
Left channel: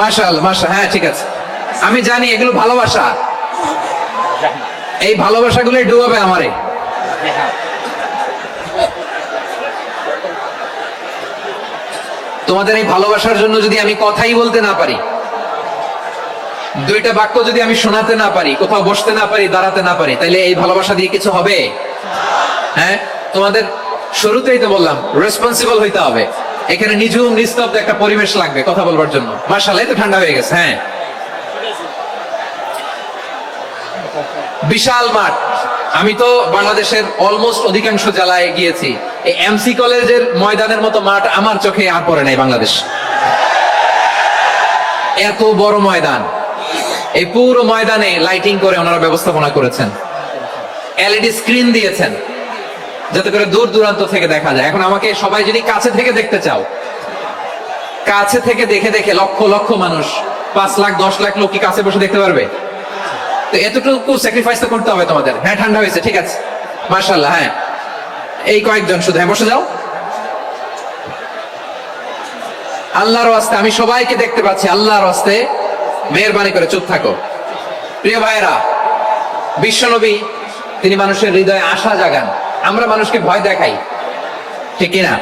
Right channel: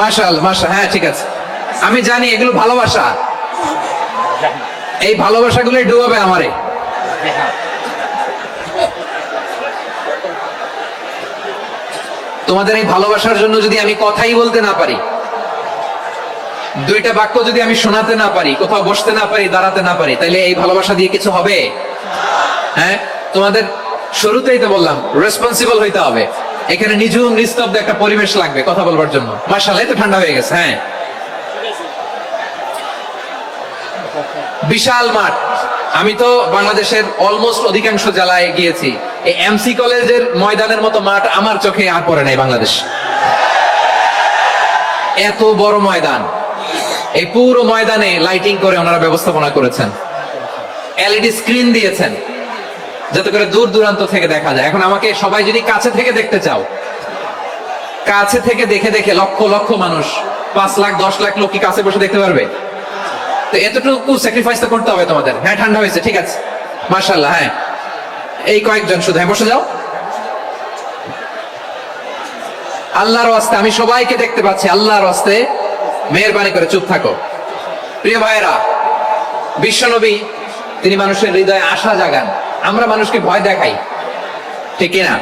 মাশাআল্লাহ, মাশাআল্লাহ, হ্যাঁ ঠিক আছে। আমি জানি এগুলো ভালোবাসা, এই ভালোবাসাগুলোই ডুবাবে আমারে। তোমাদের এই ভালোবাসার জন্য যদি আমি কথাই বলতে না পারি, দুইটা বাক্য যদি আমি শোনাতে না পারি, কোথাও বসতে না পারি, দাঁড়াতে না পারি, তাইলে এই ভালোবাসা দিয়ে কিছু হবে? হ্যাঁ, তোমাদের শুরুতেই তো বললাম রেসপন্সিবল হইতে হবে। এখানে নিঝুম নিস্তব্ধ একটা পরিবেশ লাগবে কথা বলবার জন্য। মাশাআল্লাহ, তো ঠান্ডা হয়ে গেছে। হ্যাঁ, বিশাল মাঠ। আমি তো বাংলাদেশের অলমোস্ট অধিকাংশ জেলায় গিয়েছি, এই এমসি কলেজের ময়দানের মতো মাঠ আমার চোখে আর পড়ে নাই বাংলাদেশ। এত বড় ময়দান, এই পুরো ময়দানে লাইটিং করে ওনারা ব্যবস্থাপনা করেছেন, এলইডি স্ক্রিন দিয়েছেন যাতে করে দূর দূরান্ত থেকে দেখা যায়। এখন আমাকে সবাই যদি কাছে থেকে দেখতে চাও, কাছে থেকে দেখে দেখে লক্ষ লক্ষ মানুষ, 5 লাখ 10 লাখ লোক কি কাছে বসে দেখতে পারবে? তো এতটুকু স্যাক্রিফাইস তো করতে হবে তোমাদের। হ্যাঁ, ঠান্ডা হয়েছে, ঠিক আছে, মাশাআল্লাহ। হ্যাঁ, এই কয়েকজন শুধু, হ্যাঁ বসে যাও। আল্লাহর ওয়াস্তে আমি সবাইকে দেখতে পাচ্ছি, আল্লাহর ওয়াস্তে মেহেরবানি করে চুপ থাকো। প্রিয় ভাইরা, বিশ্বনবী তিনি মানুষের হৃদয়ে আশা জাগান। আমরা মানুষকে ভয় দেখাই, ঠিক না?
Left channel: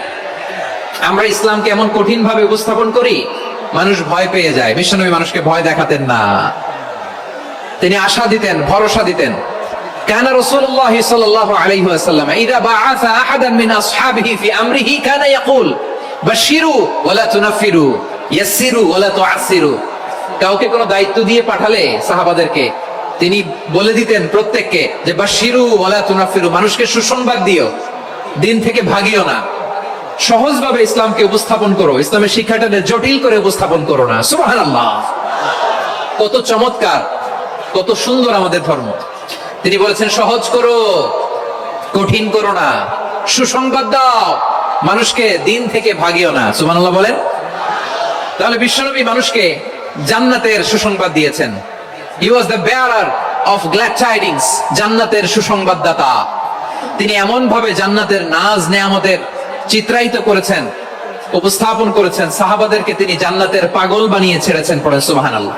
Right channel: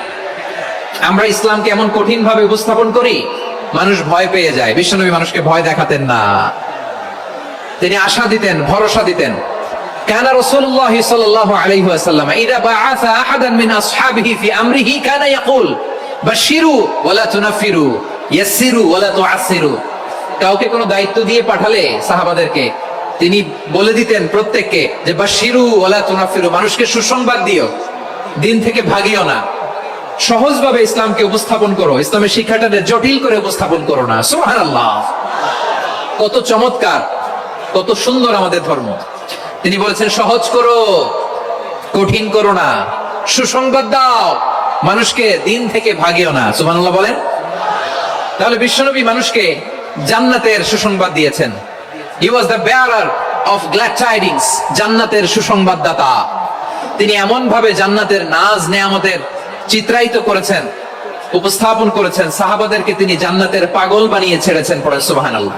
আমরা ইসলামকে এমন কঠিন ভাবে উপস্থাপন করি, মানুষ ভয় পেয়ে যায়। বিশ্বনবী মানুষকে ভয় দেখাতেন না, তিনি আশা দিতেন, ভরসা দিতেন। কানা রাসূলুল্লাহ সাল্লাল্লাহু আলাইহি ওয়াসাল্লাম ইযা বাআসা আহাদান মিন আসহাবিহি ফি আমরিহি কানা ইয়াকুল বাশশিরু ওয়া লা তুনাফিরু ইয়াসসিরু ওয়া লা তুআসসিরু। কাউকে কোনো দায়িত্ব দিয়ে পাঠালে সাহাবাদেরকে তিনি বলে দিতেন প্রত্যেককে যে বাশশিরু ওয়া লা তুনাফিরু, মানুষকে সুসংবাদ দিও, দিন থেকে ভাগিও না, সহজভাবে ইসলামকে উপস্থাপন করো, ইসলামের শিক্ষাটাকে জটিল করে উপস্থাপন করো না। সুবহানাল্লাহ, কত চমৎকার, কত সুন্দর আমাদের ধর্ম। তিনি বলেছেন সহজ করো, কঠিন করো না, সুসংবাদ দাও, মানুষকে দিন থেকে ভাগিও না। সুবহানাল্লাহ বলেন। তাহলে বিশ্বনবী মানুষকে জান্নাতের সুসংবাদ দিয়েছেন। He was the bearer of glad tidings, জান্নাতের সুসংবাদদাতা। তিনি এমন ভাবে জান্নাতের নাজ নেয়ামতের চিত্রায়িত করেছেন, উপস্থাপন করেছেন, সাহাবাদেরকে তিনি জান্নাতের পাগল বানিয়ে ছেড়েছেন। পড়েন সুবহানাল্লাহ।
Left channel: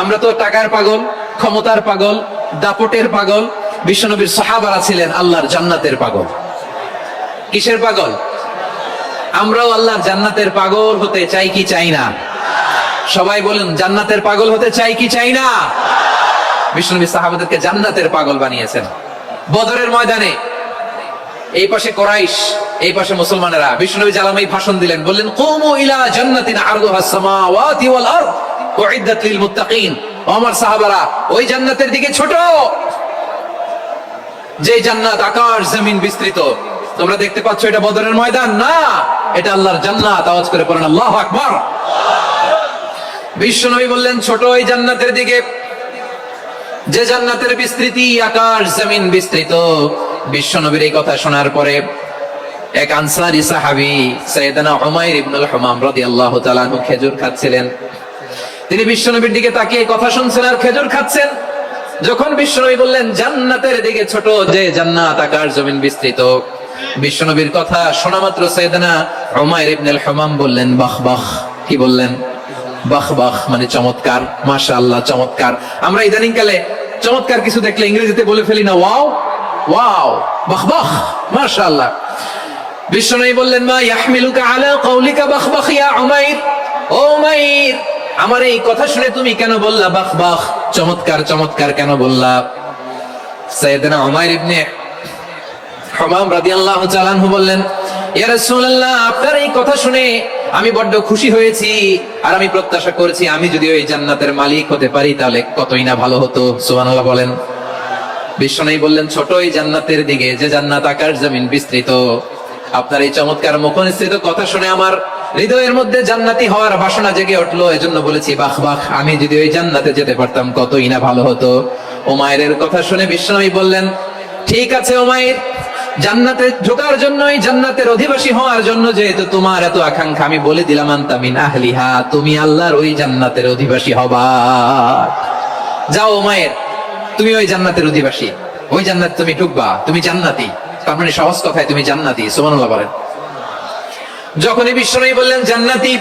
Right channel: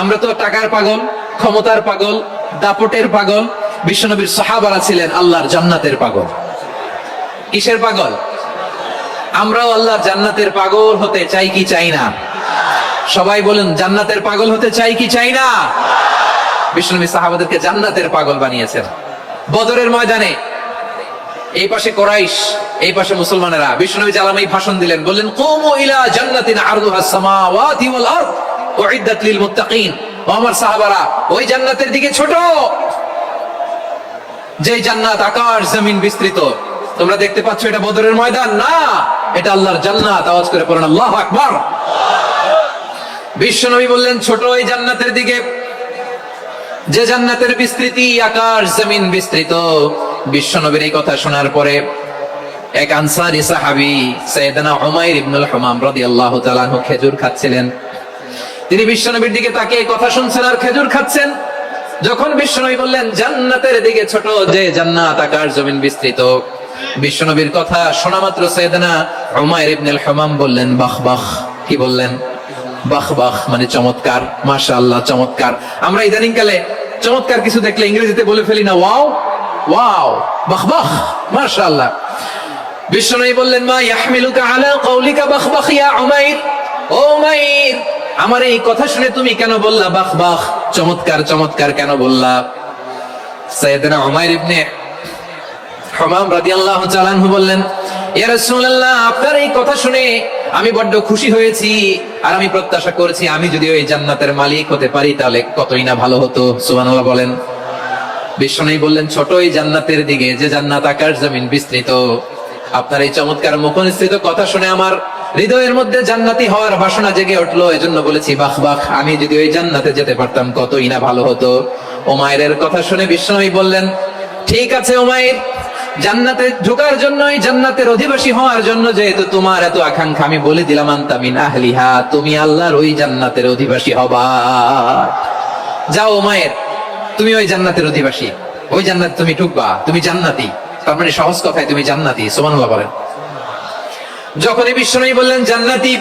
আমরা তো টাকার পাগল, ক্ষমতার পাগল, দাপটের পাগল। বিশ্বনবীর সাহাবারা ছিলেন আল্লাহর জান্নাতের পাগল। কিসের পাগল? আমরাও আল্লাহর জান্নাতের পাগল হতে চাই কি চাই না? সবাই বলেন, জান্নাতের পাগল হতে চাই কি চাই না? বিশ্বনবী সাহাবাদেরকে জান্নাতের পাগল বানিয়েছেন। বদরের ময়দানে এই পাশে কুরাইশ, এই পাশে মুসলমানেরা। বিশ্বনবী জালামাই ভাষণ দিলেন, বললেন কুমু ইলা জান্নাতিন আরদুহাস সামাওয়াতি ওয়াল আরদ উইদ্দাত লিল মুত্তাকিন। ও আমার সাহাবারা, ওই জান্নাতের দিকে ছোট, যে জান্নাত আকাশ জমিন বিস্তৃত। তোমরা দেখতে পাচ্ছ এটা বদরের ময়দান না, এটা আল্লাহর জান্নাত। আওয়াজ করে পড়েন আল্লাহু আকবার। বিশ্বনবী বললেন ছোট ওই জান্নাতের দিকে, যে জান্নাতের বিস্তৃতি আকাশ জমিন বিস্তৃত। বিশ্বনবীর এই কথা শোনার পরে এক আনসারী সাহাবী সাইয়েদনা উমাইর ইবনুল হুমাম রাদিয়াল্লাহু তাআলা আনহু খেজুর খাচ্ছিলেন। তিনি বিশ্বনবীর দিকে তাকিয়ে কথা শুনছেন আর খেজুর খাচ্ছেন। যখন বিশ্বনবী বললেন জান্নাতের দিকে ছোট, যে জান্নাত আকাশ জমিন বিস্তৃত, বিশ্বনবীর কথা শোনা মাত্র সাইয়েদনা উমাইর ইবনুল হুমাম বললেন বাহ বাহ। কি বললেন? বাহ বাহ, মানে চমৎকার, মাশাআল্লাহ, চমৎকার। আমরা ইদানিং কালে চমৎকার কিছু দেখলে ইংরেজিতে বলে ফেলি না, ওয়াও ওয়াও, বাহ বাহ, মাশাআল্লাহ। বিশ্বনবী বললেন মা ইয়াহমিলুকা আলা কওলিকা বাহ বাহ ইয়া উমাইর। ও উমাইর, আমার এই কথা শুনে তুমি কেন বললা বাহ বাহ, চমৎকার চমৎকার কেন বললা? সাইয়েদনা উমাইর ইবনে হুমাম রাদিয়াল্লাহু তাআলা আনহু বললেন, ইয়া রাসূলুল্লাহ, আপনার এই কথা শুনে আমি বড্ড খুশি হয়েছি, আর আমি প্রত্যাশা করেছি আমি যদি ওই জান্নাতের মালিক হতে পারি তাহলে কতই না ভালো হতো। সুবহানাল্লাহ বলেন। বিশ্বনবী বললেন ছোট ওই জান্নাতের দিকে, যে জান্নাত আকাশ জমিন বিস্তৃত। আপনার এই চমৎকার মুখনিসৃত কথা শুনে আমার হৃদয়ের মধ্যে জান্নাতি হওয়ার বাসনা জেগে উঠলো, এজন্য বলেছি বাহ বাহ, আমি যদি ওই জান্নাতে যেতে পারতাম কতই না ভালো হতো। উমাইরের কথা শুনে বিশ্বনবী বললেন ঠিক আছে উমাইর, জান্নাতে ঢোকার জন্য, জান্নাতের অধিবাসী হওয়ার জন্য যেহেতু তোমার এত আকাঙ্ক্ষা, আমি বলে দিলাম আনতা মিন আহলিহা, তুমি আল্লাহর ওই জান্নাতের অধিবাসী হবা। যাও উমাইর, তুমি ওই জান্নাতের অধিবাসী, ওই জান্নাত তুমি ঢুকবা, তুমি জান্নাতি। তার মানে সহজ কথায় তুমি জান্নাতি। সুবহানাল্লাহ বলেন। যখনই বিশ্বনবী বললেন জান্নাতি,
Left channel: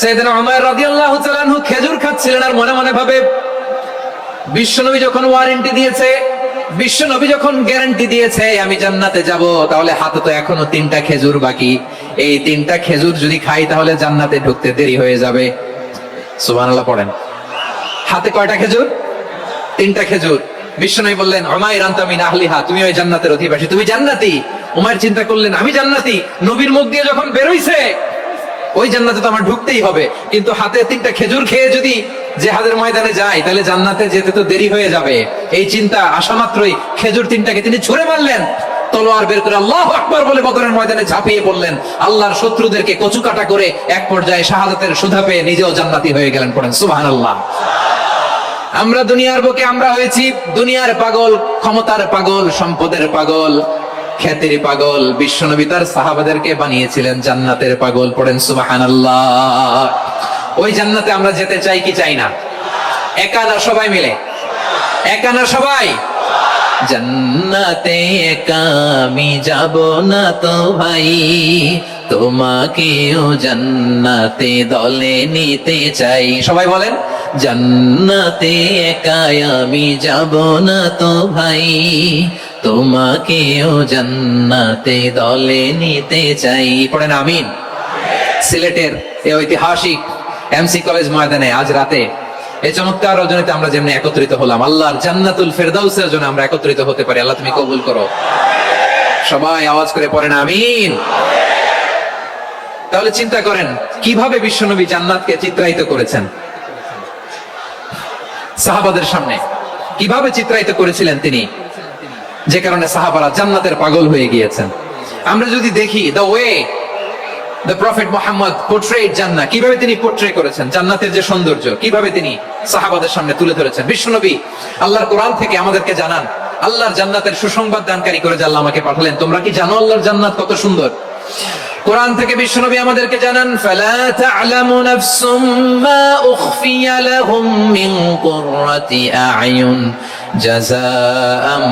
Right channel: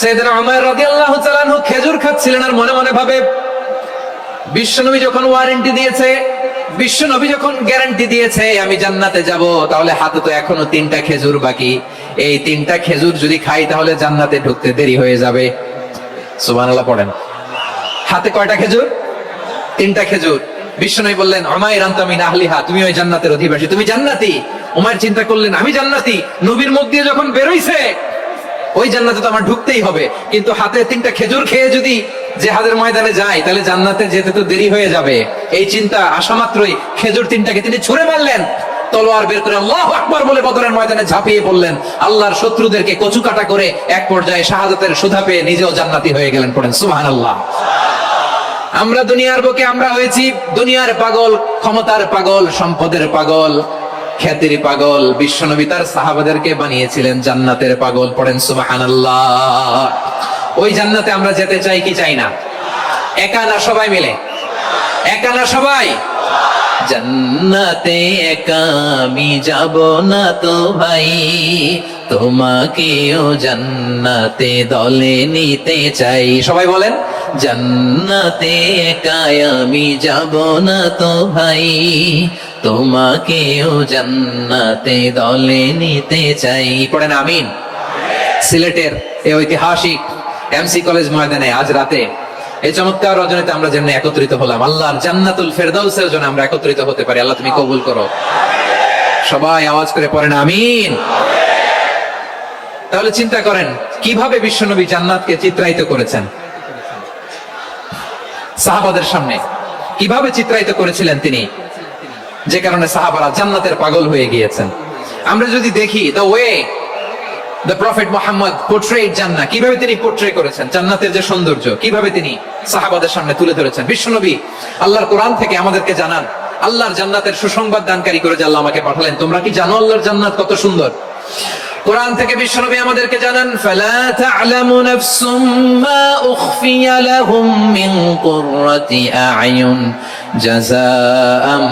সাইয়েদনা উমর রাদিয়াল্লাহু তাআলা আনহু খেজুর খাচ্ছিলেন আর মনে মনে ভাবে, বিশ্বনবী যখন ওয়ারেন্টি দিয়েছে, বিশ্বনবী যখন গ্যারান্টি দিয়েছে আমি জান্নাতে যাব, তাহলে হাতে তো এখনো 3টা খেজুর বাকি। এই 3টা খেজুর যদি খাই তাহলে জান্নাতে ঢুকতে দেরি হয়ে যাবে। সুবহানাল্লাহ পড়েন। হাতে কয়টা খেজুর? 3টা খেজুর। বিশ্বনবী বললেন উমাইর আনতা মিন আহলিহা, তুমি ওই জান্নাতের অধিবাসী, তুমি জান্নাতি। উমাইর চিন্তা করলেন, আমি জান্নাতি, নবীর মুখ দিয়ে যখন বেরোইছে ওই জান্নাতে তো আমার ঢুকতেই হবে, কিন্তু হাতে 3টা খেজুর খেয়ে যদি জিহাদের ময়দানে যায় তাহলে জান্নাতে যেতে তো দেরি হয়ে যাবে। এই চিন্তা আসা মাত্রই খেজুর 3টাকে তিনি ছুঁড়ে মারলেন, তলোয়ার বের করে আল্লাহু আকবার বলে বদরের ময়দানে ঝাঁপিয়ে পড়লেন। আল্লাহর শত্রুদেরকে কচুকাটা করে এক পর্যায়ে শাহাদাতের সুধা পেয়ে নিজেও জান্নাতি হয়ে গেলেন। পড়েন সুবহানাল্লাহ। আমরা দুনিয়ার বুকে আমরা হয়েছি দুনিয়ার পাগল, ক্ষমতার পাগল, সম্পদের পাগল, খ্যাতির পাগল। বিশ্বনবী তার সাহাবাদেরকে বানিয়েছিলেন জান্নাতের পাগল। পড়েন সুবহানাল্লাহ। ওই জান্নাতে আমরা যেতে চাই কি চাই না? একা না সবাই মিলে? একা না সবাই? জান্নাতে একা আমি যাব না তো ভাই, তোমাকেও জান্নাতে দলে নিতে চাই। সবাই বলেন, জান্নাতে একা আমি যাব না তো ভাই, তোমাকেও জান্নাতে দলে নিতে চাই। পড়েন আমিন। সিলেটের এই ঐতিহাসিক এমসি কলেজ ময়দানে আজ রাতে এই চমৎকার রজনীতে আমরা যেমন একত্রিত হলাম, আল্লাহর জান্নাতুল ফেরদাউসের জন্য আমরা একত্রিত হতে পারি। আল্লাহ তুমি কবুল করো। সবাই আওয়াজ করে পড়েন আমিন। তাহলে চিন্তা করেন কিভাবে বিশ্বনবী জান্নাতকে চিত্রায়িত করেছেন সাহাবাদের সামনে, কিভাবে চিত্রায়িত করেছিলেন তিনি, যে কারণে সাহাবারা জান্নাতের পাগল হয়ে গিয়েছেন। আমরা যদি দেখি the way the prophet Muhammad portrayed জান্নাহ, কিভাবে তিনি পোর্ট্রে করেছেন জান্নাতের যে সৌন্দর্য, কিভাবে তিনি সাহাবাদের সামনে তুলে ধরেছেন। বিশ্বনবী আল্লাহর কোরআন থেকে আমাদেরকে জানান, আল্লাহর জান্নাতের সুসংবাদ দানকারী করে যে আল্লাহ আমাকে পাঠালেন। তোমরা কি জানো আল্লাহর জান্নাত কত সুন্দর? কোরআন থেকে বিশ্বনবী আমাদেরকে জানান, ফালা তা'লামু নাফসুম মা উখফিয়া লাহুম মিন কুররাতি আ'য়ুন জাযাআম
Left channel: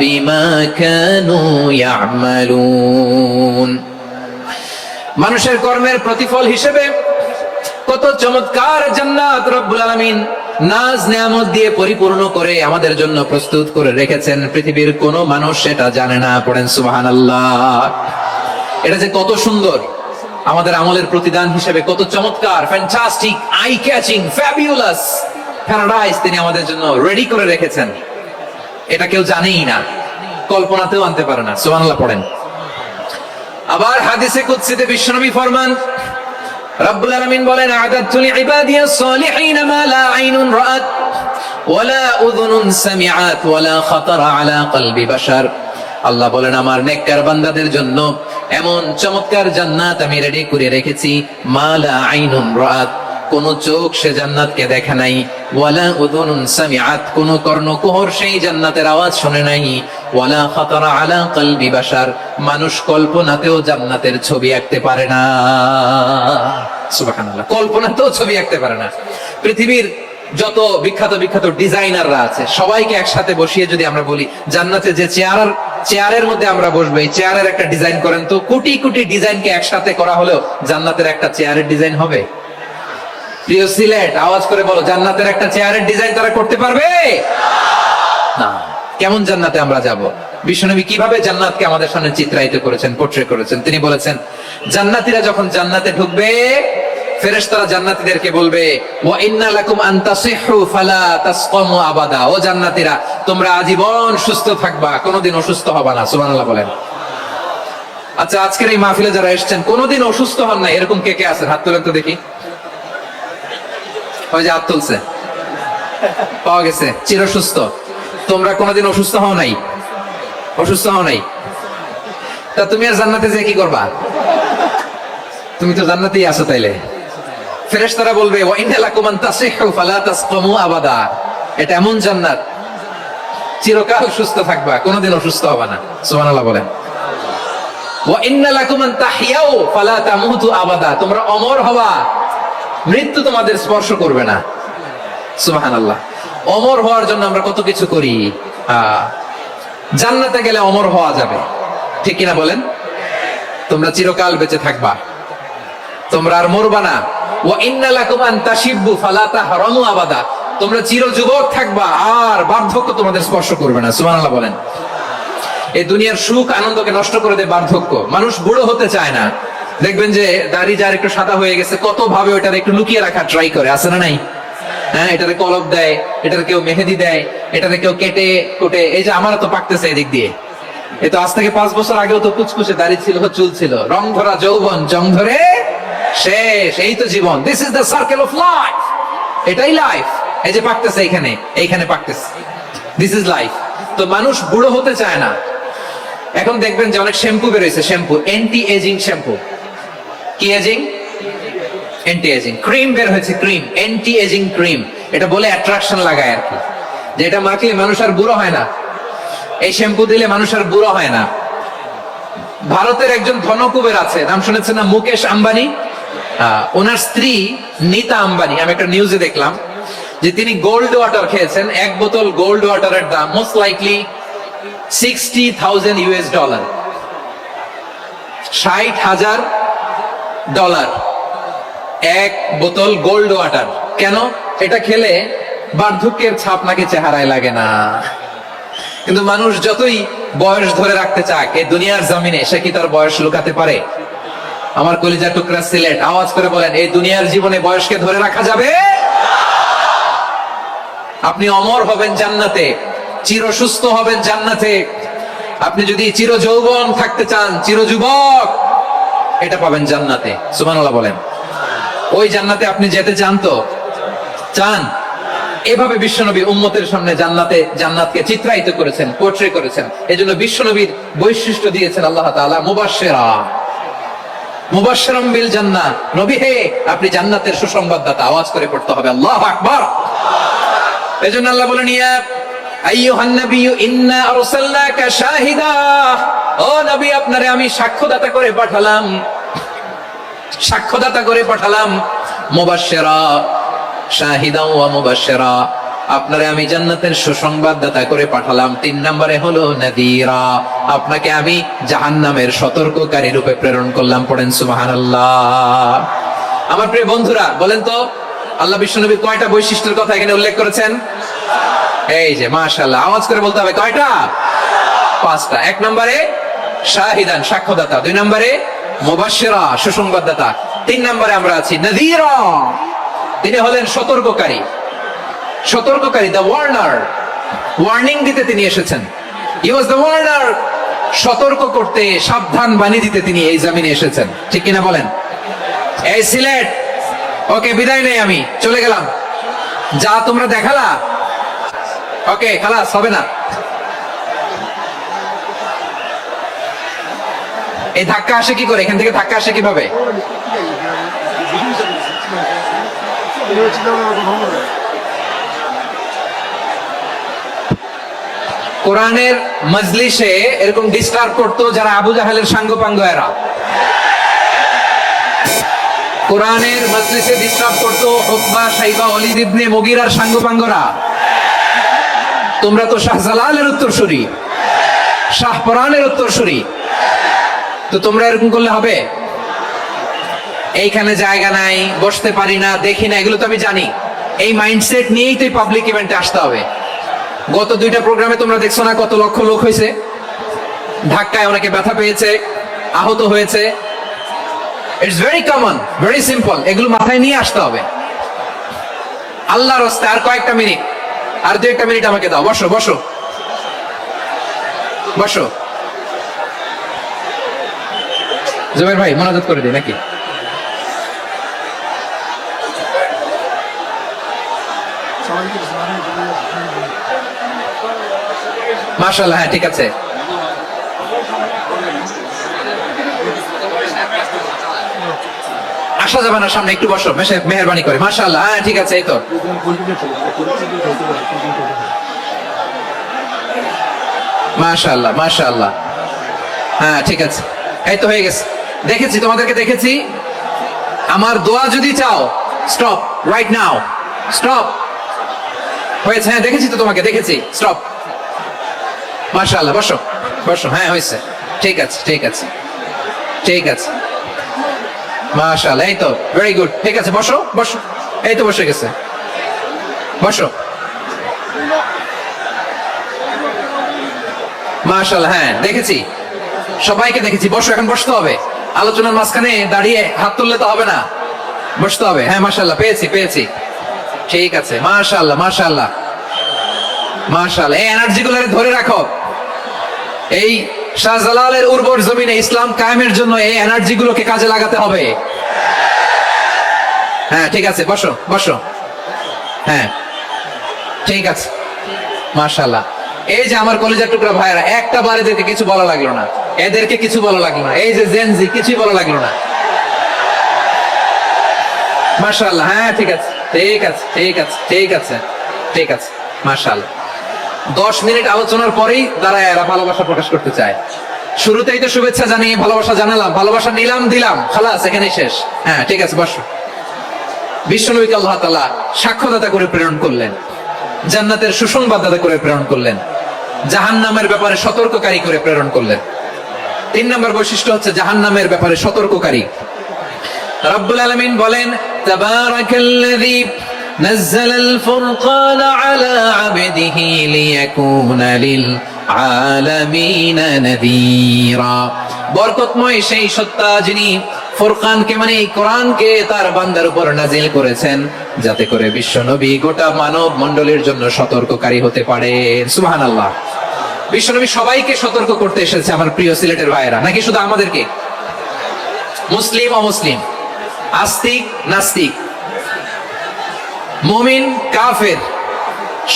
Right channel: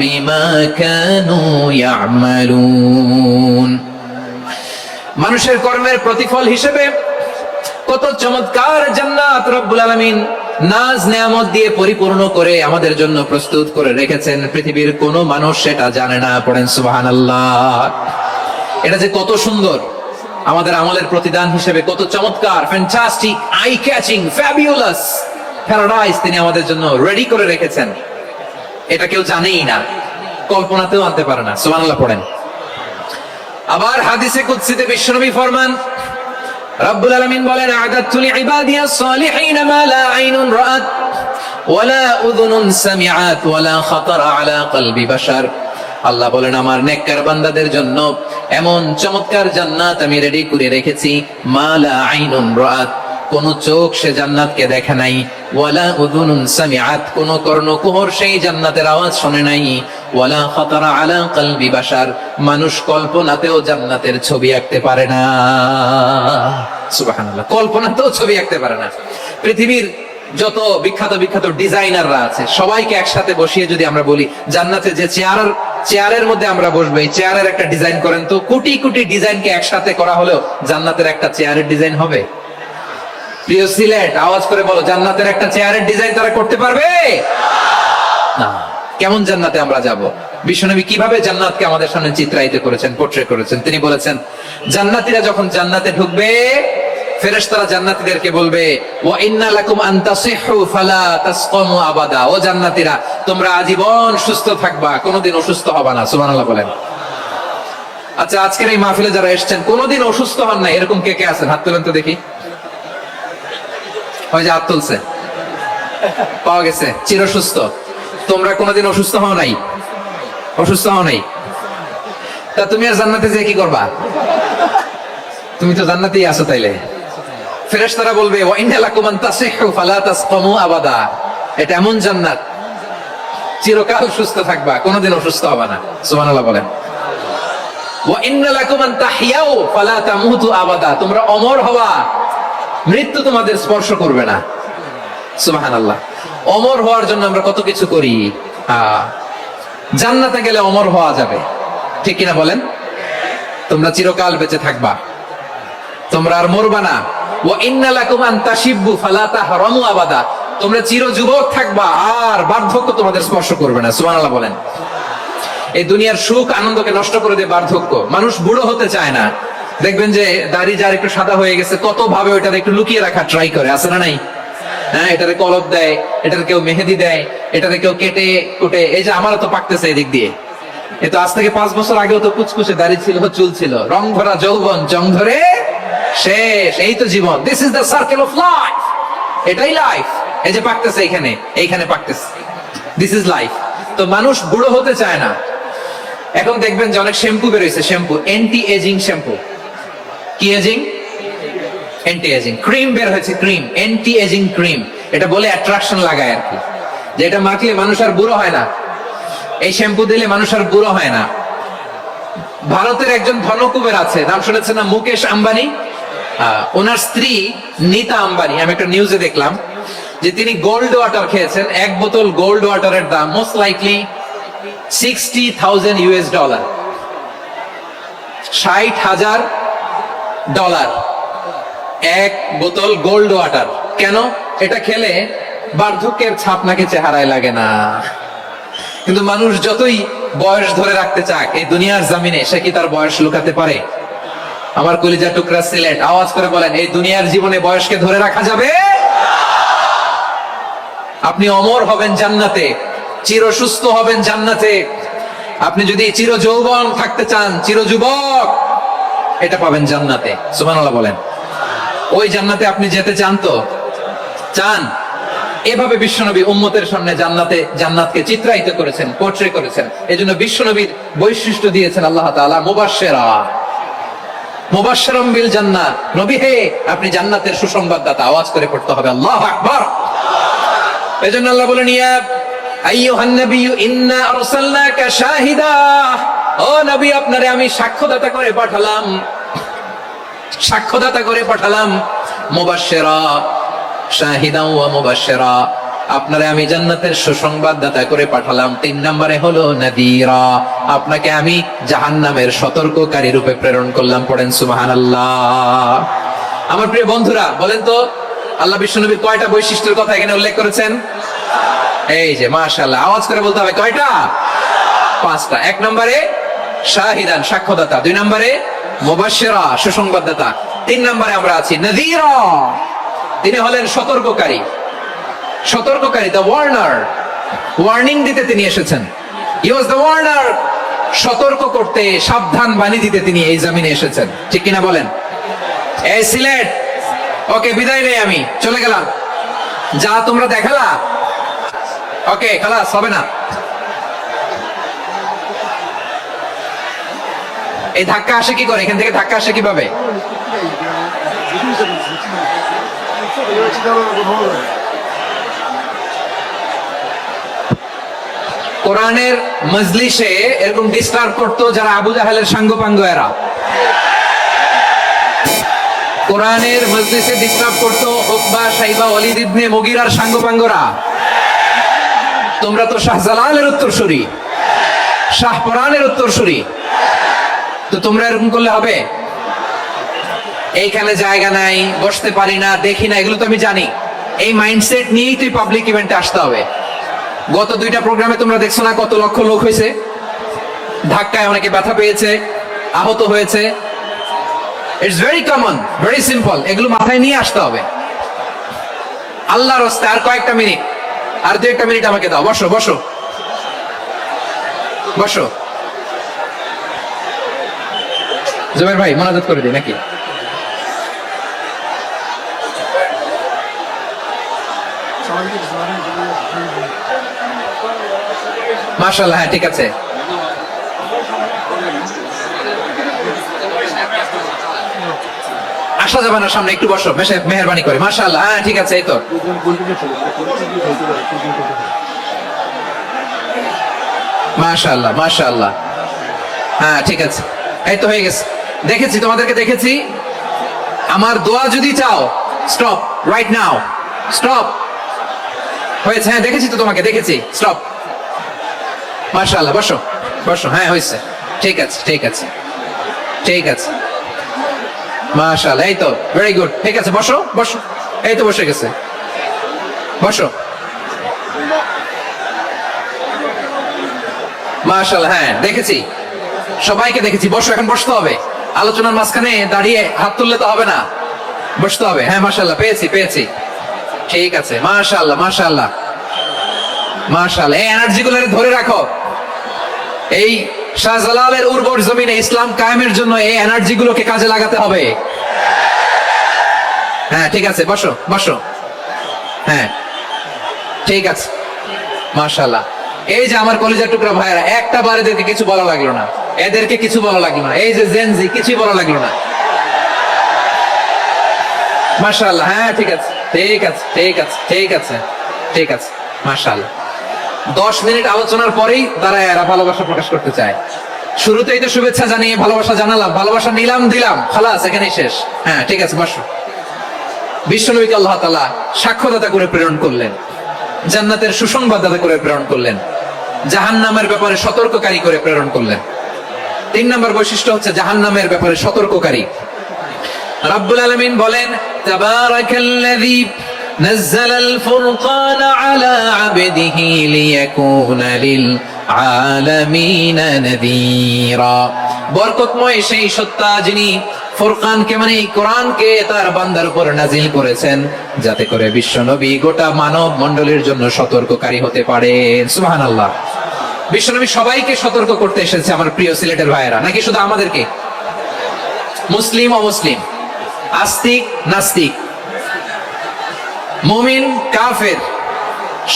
বিমা কানু ইয়া'মালুন। মানুষের কর্মের প্রতিফল হিসেবে কত চমৎকার জান্নাত রব্বুল আলামিন নাজ নেয়ামত দিয়ে পরিপূর্ণ করে আমাদের জন্য প্রস্তুত করে রেখেছেন। পৃথিবীর কোনো মানুষ সেটা জানে না। পড়েন সুবহানাল্লাহ। এটা যে কত সুন্দর, আমাদের আমলের প্রতিদান হিসেবে কত চমৎকার, fantastic, eye catching, fabulous paradise তিনি আমাদের জন্য রেডি করে রেখেছেন। এটা কেউ জানেই না, কল্পনাতেও আনতে পারে না। সুবহানাল্লাহ পড়েন। আবার হাদিসে কুদসিতে বিশ্বনবী ফরমান, রব্বুল আলামিন বলেন, আ'দাতু লিইবাদিয়াস সালিহিন মা লা আইনুন রাআত ওয়ালা উযুনুন সামিআত ওয়ালা খাতারা আলা কলবি বাশার। আল্লাহ বলেন, আমার নেককার বান্দাদের জন্য এমন চমৎকার জান্নাত আমি রেডি করে রেখেছি, মা লা আইনুন রাআত, কোন চোখ সে জান্নাতকে দেখে নাই, ওয়ালা উযুনুন সামিআত, কোন কর্ণকুহর সেই জান্নাতের আওয়াজ শুনে নাই, ওয়ালা খাতারা আলা কলবি বাশার, মানুষ কল্পনাতেও জান্নাতের ছবি আঁকতে পারে না। সুবহানাল্লাহ, কল্পনাতেও ছবি আঁকতে পারে না। পৃথিবীর যত বিখ্যাত বিখ্যাত ডিজাইনাররা আছে সবাইকে একসাথে বসিয়ে যদি আমরা বলি জান্নাতে যে চেয়ারের মধ্যে আমরা বসবো, এই চেয়ারের একটা ডিজাইন করেন তো, কোটি কোটি ডিজাইনকে একসাথে করা হলেও জান্নাতের একটা চেয়ারের ডিজাইন হবে? প্রিয় সিলেট, আওয়াজ করে বলো, জান্নাতের একটা চেয়ারের ডিজাইন তারা করতে পারবে না। কেমন জান্নাতে আমরা যাব? বিশ্বনবী কিভাবে জান্নাতকে আমাদের সামনে চিত্রায়িত করেছেন, পোর্ট্রে করেছেন। তিনি বলেছেন, জান্নাতীরা যখন জান্নাতে ঢুকবে ফেরেশতারা জান্নাতীদেরকে বলবে, ওয়া ইন্না লাকুম আন তাসিহু ফালা তাসকামু আবাদা, ও জান্নাতীরা তোমরা আজীবন সুস্থ থাকবা, কোনোদিন অসুস্থ হবা না। সুবহানাল্লাহ বলেন। আচ্ছা, আজকের এই মাহফিলে যারা এসেছেন কোনোদিন অসুস্থ হন না এরকম কে কে আছেন? হাত তোলেন তো দেখি। ওই যে হাত তুলছে, পাওয়া গেছে, চির সুস্থ। তোমরা কোনোদিন অসুস্থ হও নাই? অসুস্থ হও নাই? তা তুমি আর জান্নাতে যে কি করবা? তুমি তো জান্নাতেই আছো। তাইলে ফেরেশতারা বলবে, ওয়া ইন্না লাকুম আন তাসিহু ফালা তাসকামু আবাদা, এটা এমন জান্নাত চিরকাল সুস্থ থাকবা, কোনোদিন অসুস্থ হবে না। সুবহানাল্লাহ বলেন। ওয়া ইন্না লাকুম আন তাহইয়াউ ফালা তামুতু আবাদা, তোমরা অমর হবা, মৃত্যু তোমাদের স্পর্শ করবে না। সুবহানাল্লাহ। অমর হওয়ার জন্য আমরা কত কিছু করি। জান্নাতে গেলে অমর হওয়া যাবে, ঠিক কিনা বলেন? তোমরা চিরকাল বেঁচে থাকবা, তোমরা আর মরবা না। ওয়া ইন্না লাকুম আন তাশিব্বু ফালা তাহরামু আবাদা, তোমরা চির যুবক থাকবা, আর বার্ধক্য তোমাদের স্পর্শ করবে না। সুবহানাল্লাহ বলেন। এই দুনিয়ার সুখ আনন্দকে নষ্ট করে দেয় বার্ধক্য। মানুষ বুড়ো হতে চায় না। দেখবেন যে দাড়ি যার একটু সাদা হয়ে গেছে কত ভাবে ওটার একটু লুকিয়ে রাখার ট্রাই করে, আছে না নাই? হ্যাঁ, এটারে কলপ দেয়, এটারে কেউ মেহেদি দেয়, এটারে কেউ কেটে কুটে, এই যে আমার তো পাকতেছে এদিক দিয়ে, এ তো আজ থেকে 5 বছর আগেও তো কুচকুচে দাড়ি ছিল, চুল ছিল, রং ধরা যৌবন, জং ধরে শেষ। এই তো জীবন। This is the circle of life. এটাই লাইফ। এই যে পাকতেছে এইখানে পাকতেছে। This is life. তো মানুষ বুড়ো হতে চায় না। এখন দেখবেন যে অনেক শ্যাম্পু বেরোইছে, শ্যাম্পু অ্যান্টি এজিং শ্যাম্পু। কি এজিং? Anti aging. ক্রিম বের হয়েছে, ক্রিম, অ্যান্টি এজিং ক্রিম। এটা বলে অ্যাট্রাকশন লাগায় আর কি, যে এটা মাখলে মানুষ আর বুড়ো হয় না, এই শ্যাম্পু দিলে মানুষ আর বুড়ো হয় না। ভারতের একজন ধনকুবের আছে, নাম শুনেছেন না? মুকেশ আম্বানি। ওনার স্ত্রী নীতা আম্বানি, আমি একটা নিউজে দেখলাম যে তিনি গোল্ড ওয়াটার খেয়েছেন। 1 বোতল গোল্ড ওয়াটারের দাম মোস্ট লাইকলি $60,000, $60,000 এক বোতল গোল্ড ওয়াটার। কেন? এটা খেলে বার্ধক্যের ছাপ নাকি চেহারায় লাগে না। কিন্তু মানুষ যতই বয়স ধরে রাখতে চাক এই দুনিয়ার জমিনে, সে কি তার বয়স লুকাতে পারে? আমার কলিজা টুকরা সিলেট, আওয়াজ করে বলেন, এই দুনিয়ার জীবনে বয়সকে ধরে রাখা যাবে? আপনি অমর হবেন জান্নাতে, চির সুস্থ হবেন জান্নাতে। আপনি যদি চির যৌবন থাকতে চান, চির যুবক, এটা পাবেন জান্নাতে। সুবহানাল্লাহ বলেন। ওই জান্নাতে আপনি যেতে চান তো? চান? এভাবে বিশ্বনবী উম্মতের সামনে জান্নাতকে চিত্রায়িত করেছেন, পোর্ট্রে করেছেন। এজন্য বিশ্বনবীর বৈশিষ্ট্য দিয়েছেন আল্লাহ তাআলা মুবাশশিরাম বিল জান্নাহ। নবী হে, আপনি জান্নাতের সুসংবাদদাতা। আওয়াজ করে পড়তে হবে আল্লাহু আকবার। এজন্য আল্লাহ বলেন, ইয়া আইয়ুহান নাবিয়্যু ইন্না আরসালনাকা শাহিদা। ও নবী, আপনারে আমি সাক্ষ্যদাতা করে পাঠালাম, সাক্ষ্যদাতা করে পাঠালাম। মুবাশশিরা, শাহিদাও ওয়া মুবাশশিরা, আপনারে আমি জান্নাতের সুসংবাদদাতা করে পাঠালাম। 3 নম্বরে হলো নাযীরা, আপনাকে আমি জাহান্নামের সতর্ককারী রূপে প্রেরণ করলাম। পড়েন সুবহানাল্লাহ। আমার প্রিয় বন্ধুরা, বলেন তো আল্লাহ বিশ্বনবী কয়টা বৈশিষ্ট্যের কথা এখানে উল্লেখ করেছেন? এই যে মাশাআল্লাহ, আওয়াজ করে বলতে হবে কয়টা? 5টা। 1 নম্বরে শাহিদান, সাক্ষ্যদাতা। 2 নম্বরে মুবাশশিরা, সুসংবাদদাতা। 3 নম্বরে আমরা আছি নাযীরা, তিনি হলেন সতর্ককারী। সতর্ককারী, দ্য ওয়ার্নার, ওয়ার্নিং দিতে তিনি এসেছেন। হি ওয়াজ দ্য ওয়ার্নার, সতর্ক করতে, সাবধান বাণী দিতে তিনি এই জমিনে এসেছেন। ঠিক কিনা বলেন? এই সিলেট, ওকে, বিদায় নেই, আমি চলে গেলাম। যা তোমরা দেখালা, ওকে, খালাস হবে না। এই ধাক্কা আসে কি করে? এখান থেকে ধাক্কা আসে কিভাবে? কোরআনের মজলিসে এরকম ডিস্টার্ব করতো যারা আবু জাহেলের সাঙ্গপাঙ্গ এরা। কোরআনের মজলিসে ডিস্টার্ব করতো উকবা, শাইবা, ওয়ালিদ ইবনে মুগীরার সাঙ্গপাঙ্গরা। তোমরা তো শাহজালালের উত্তরসূরি, শাহপরানের উত্তরসূরি, তো তোমরা এরকম করলে হবে? এইখানে জায়গা নাই, বসতে পারি না, দেখি না, এগুলো তো আমি জানি। এই মাইন্ডসেট নিয়েই তো পাবলিক ইভেন্টে আসতে হবে। গত 2টা প্রোগ্রামে তোমরা দেখছো না কত লক্ষ লোক হয়েছে? ধাক্কায় অনেকে ব্যথা পেয়েছে, আহত হয়েছে। It's very common, very simple. এগুলো মাথায় নিয়ে আসতে হবে। আল্লাহর রাস্তায় আর কয়েকটা মিনিট, আর 2-1 মিনিট আমাকে দাও। বসো বসো বসো। জুবাইর ভাই মোনাজাত করে দিই নাকি? মাশাআল্লাহ, হ্যাঁ ঠিক আছে। আসা যাবে না সামনে, একটু বসো, মেহেরবানি করে। মাশাআল্লাহ, হ্যাঁ ঠিক আছে। এই তো মাশাআল্লাহ, মাশাআল্লাহ, হ্যাঁ ঠিক আছে। এই তো হয়ে গেছে, দেখেছি তোমাদেরকে, দেখেছি। আমার দোয়া যদি চাও, স্টপ রাইট নাও, স্টপ। হয়েছে? হ্যাঁ দেখেছি তো তোমাকে, দেখেছি। স্টপ। মাশাআল্লাহ, বসো বসো। হ্যাঁ হয়েছে, ঠিক আছে ঠিক আছে ঠিক আছে। মাশাআল্লাহ, এই তো ভেরি গুড, ঠিক আছে। বসো বসো, এই তো বসে গেছে, বসো। মাশাআল্লাহ, হ্যাঁ দেখেছি, সবাইকে দেখেছি। বসো, এখন বসতে হবে। আলোচনার মাঝখানে দাঁড়িয়ে হাত তুললে তো হবে না, বসতে হবে। হ্যাঁ মাশাআল্লাহ, পেয়েছি পেয়েছি, ঠিক আছে। মাশাআল্লাহ মাশাআল্লাহ মাশাআল্লাহ। এই এনার্জি গুলো ধরে রাখো, এই শাহজালালের উর্বর জমিনে ইসলাম কায়েমের জন্য এই এনার্জি গুলোকে কাজে লাগাতে হবে। হ্যাঁ ঠিক আছে, বসো বসো। হ্যাঁ ঠিক আছে, মাশাআল্লাহ। এই যে আমার কলেজের টুকরা ভাইরা, একটা বারে দিতে কিছু বলা লাগলো না, এদেরকে কিছু বলা লাগলো না, এই যে জেনজি কিছুই বলা লাগলো না। মাশাআল্লাহ। হ্যাঁ ঠিক আছে ঠিক আছে ঠিক আছে ঠিক আছে ঠিক আছে, মাশাআল্লাহ। 10 মিনিট আলোচনার পরেই তারা এরা ভালোবাসা প্রকাশ করতে চায়। শুরুতেই তো শুভেচ্ছা জানিয়ে ভালোবাসা জানালাম, ভালোবাসা নিলাম দিলাম, খালাস এখানেই শেষ। হ্যাঁ ঠিক আছে, বসো। বিশ্বনবীকে আল্লাহ তাআলা সাক্ষ্যদাতা করে প্রেরণ করলেন, জান্নাতের সুসংবাদদাতা করে প্রেরণ করলেন, জাহান্নামের ব্যাপারে সতর্ককারী করে প্রেরণ করলেন। 3 নম্বর বৈশিষ্ট্য হচ্ছে জাহান্নামের ব্যাপারে সতর্ককারী। রব্বুল আলামিন বলেন, তাবারাকাল্লাযী নাযালাল ফুরকানা আলা আবদিহি লিয়াকুনা লিল আলামিনা নাযীরা। বরকতময় সেই সত্তা যিনি ফুরকানকে মানে এই কোরআনকে তার বান্দার উপর নাজিল করেছেন, যাতে করে বিশ্বনবী গোটা মানব মণ্ডলীর জন্য সতর্ককারী হতে পারেন। সুবহানাল্লাহ। বিশ্বনবী সবাইকে সতর্ক করতে এসেছে, আমার প্রিয় সিলেটের ভাইয়েরা, নাকি শুধু আমাদেরকে? মুসলিম অমুসলিম, আস্তিক নাস্তিক, মুমিন কাফের,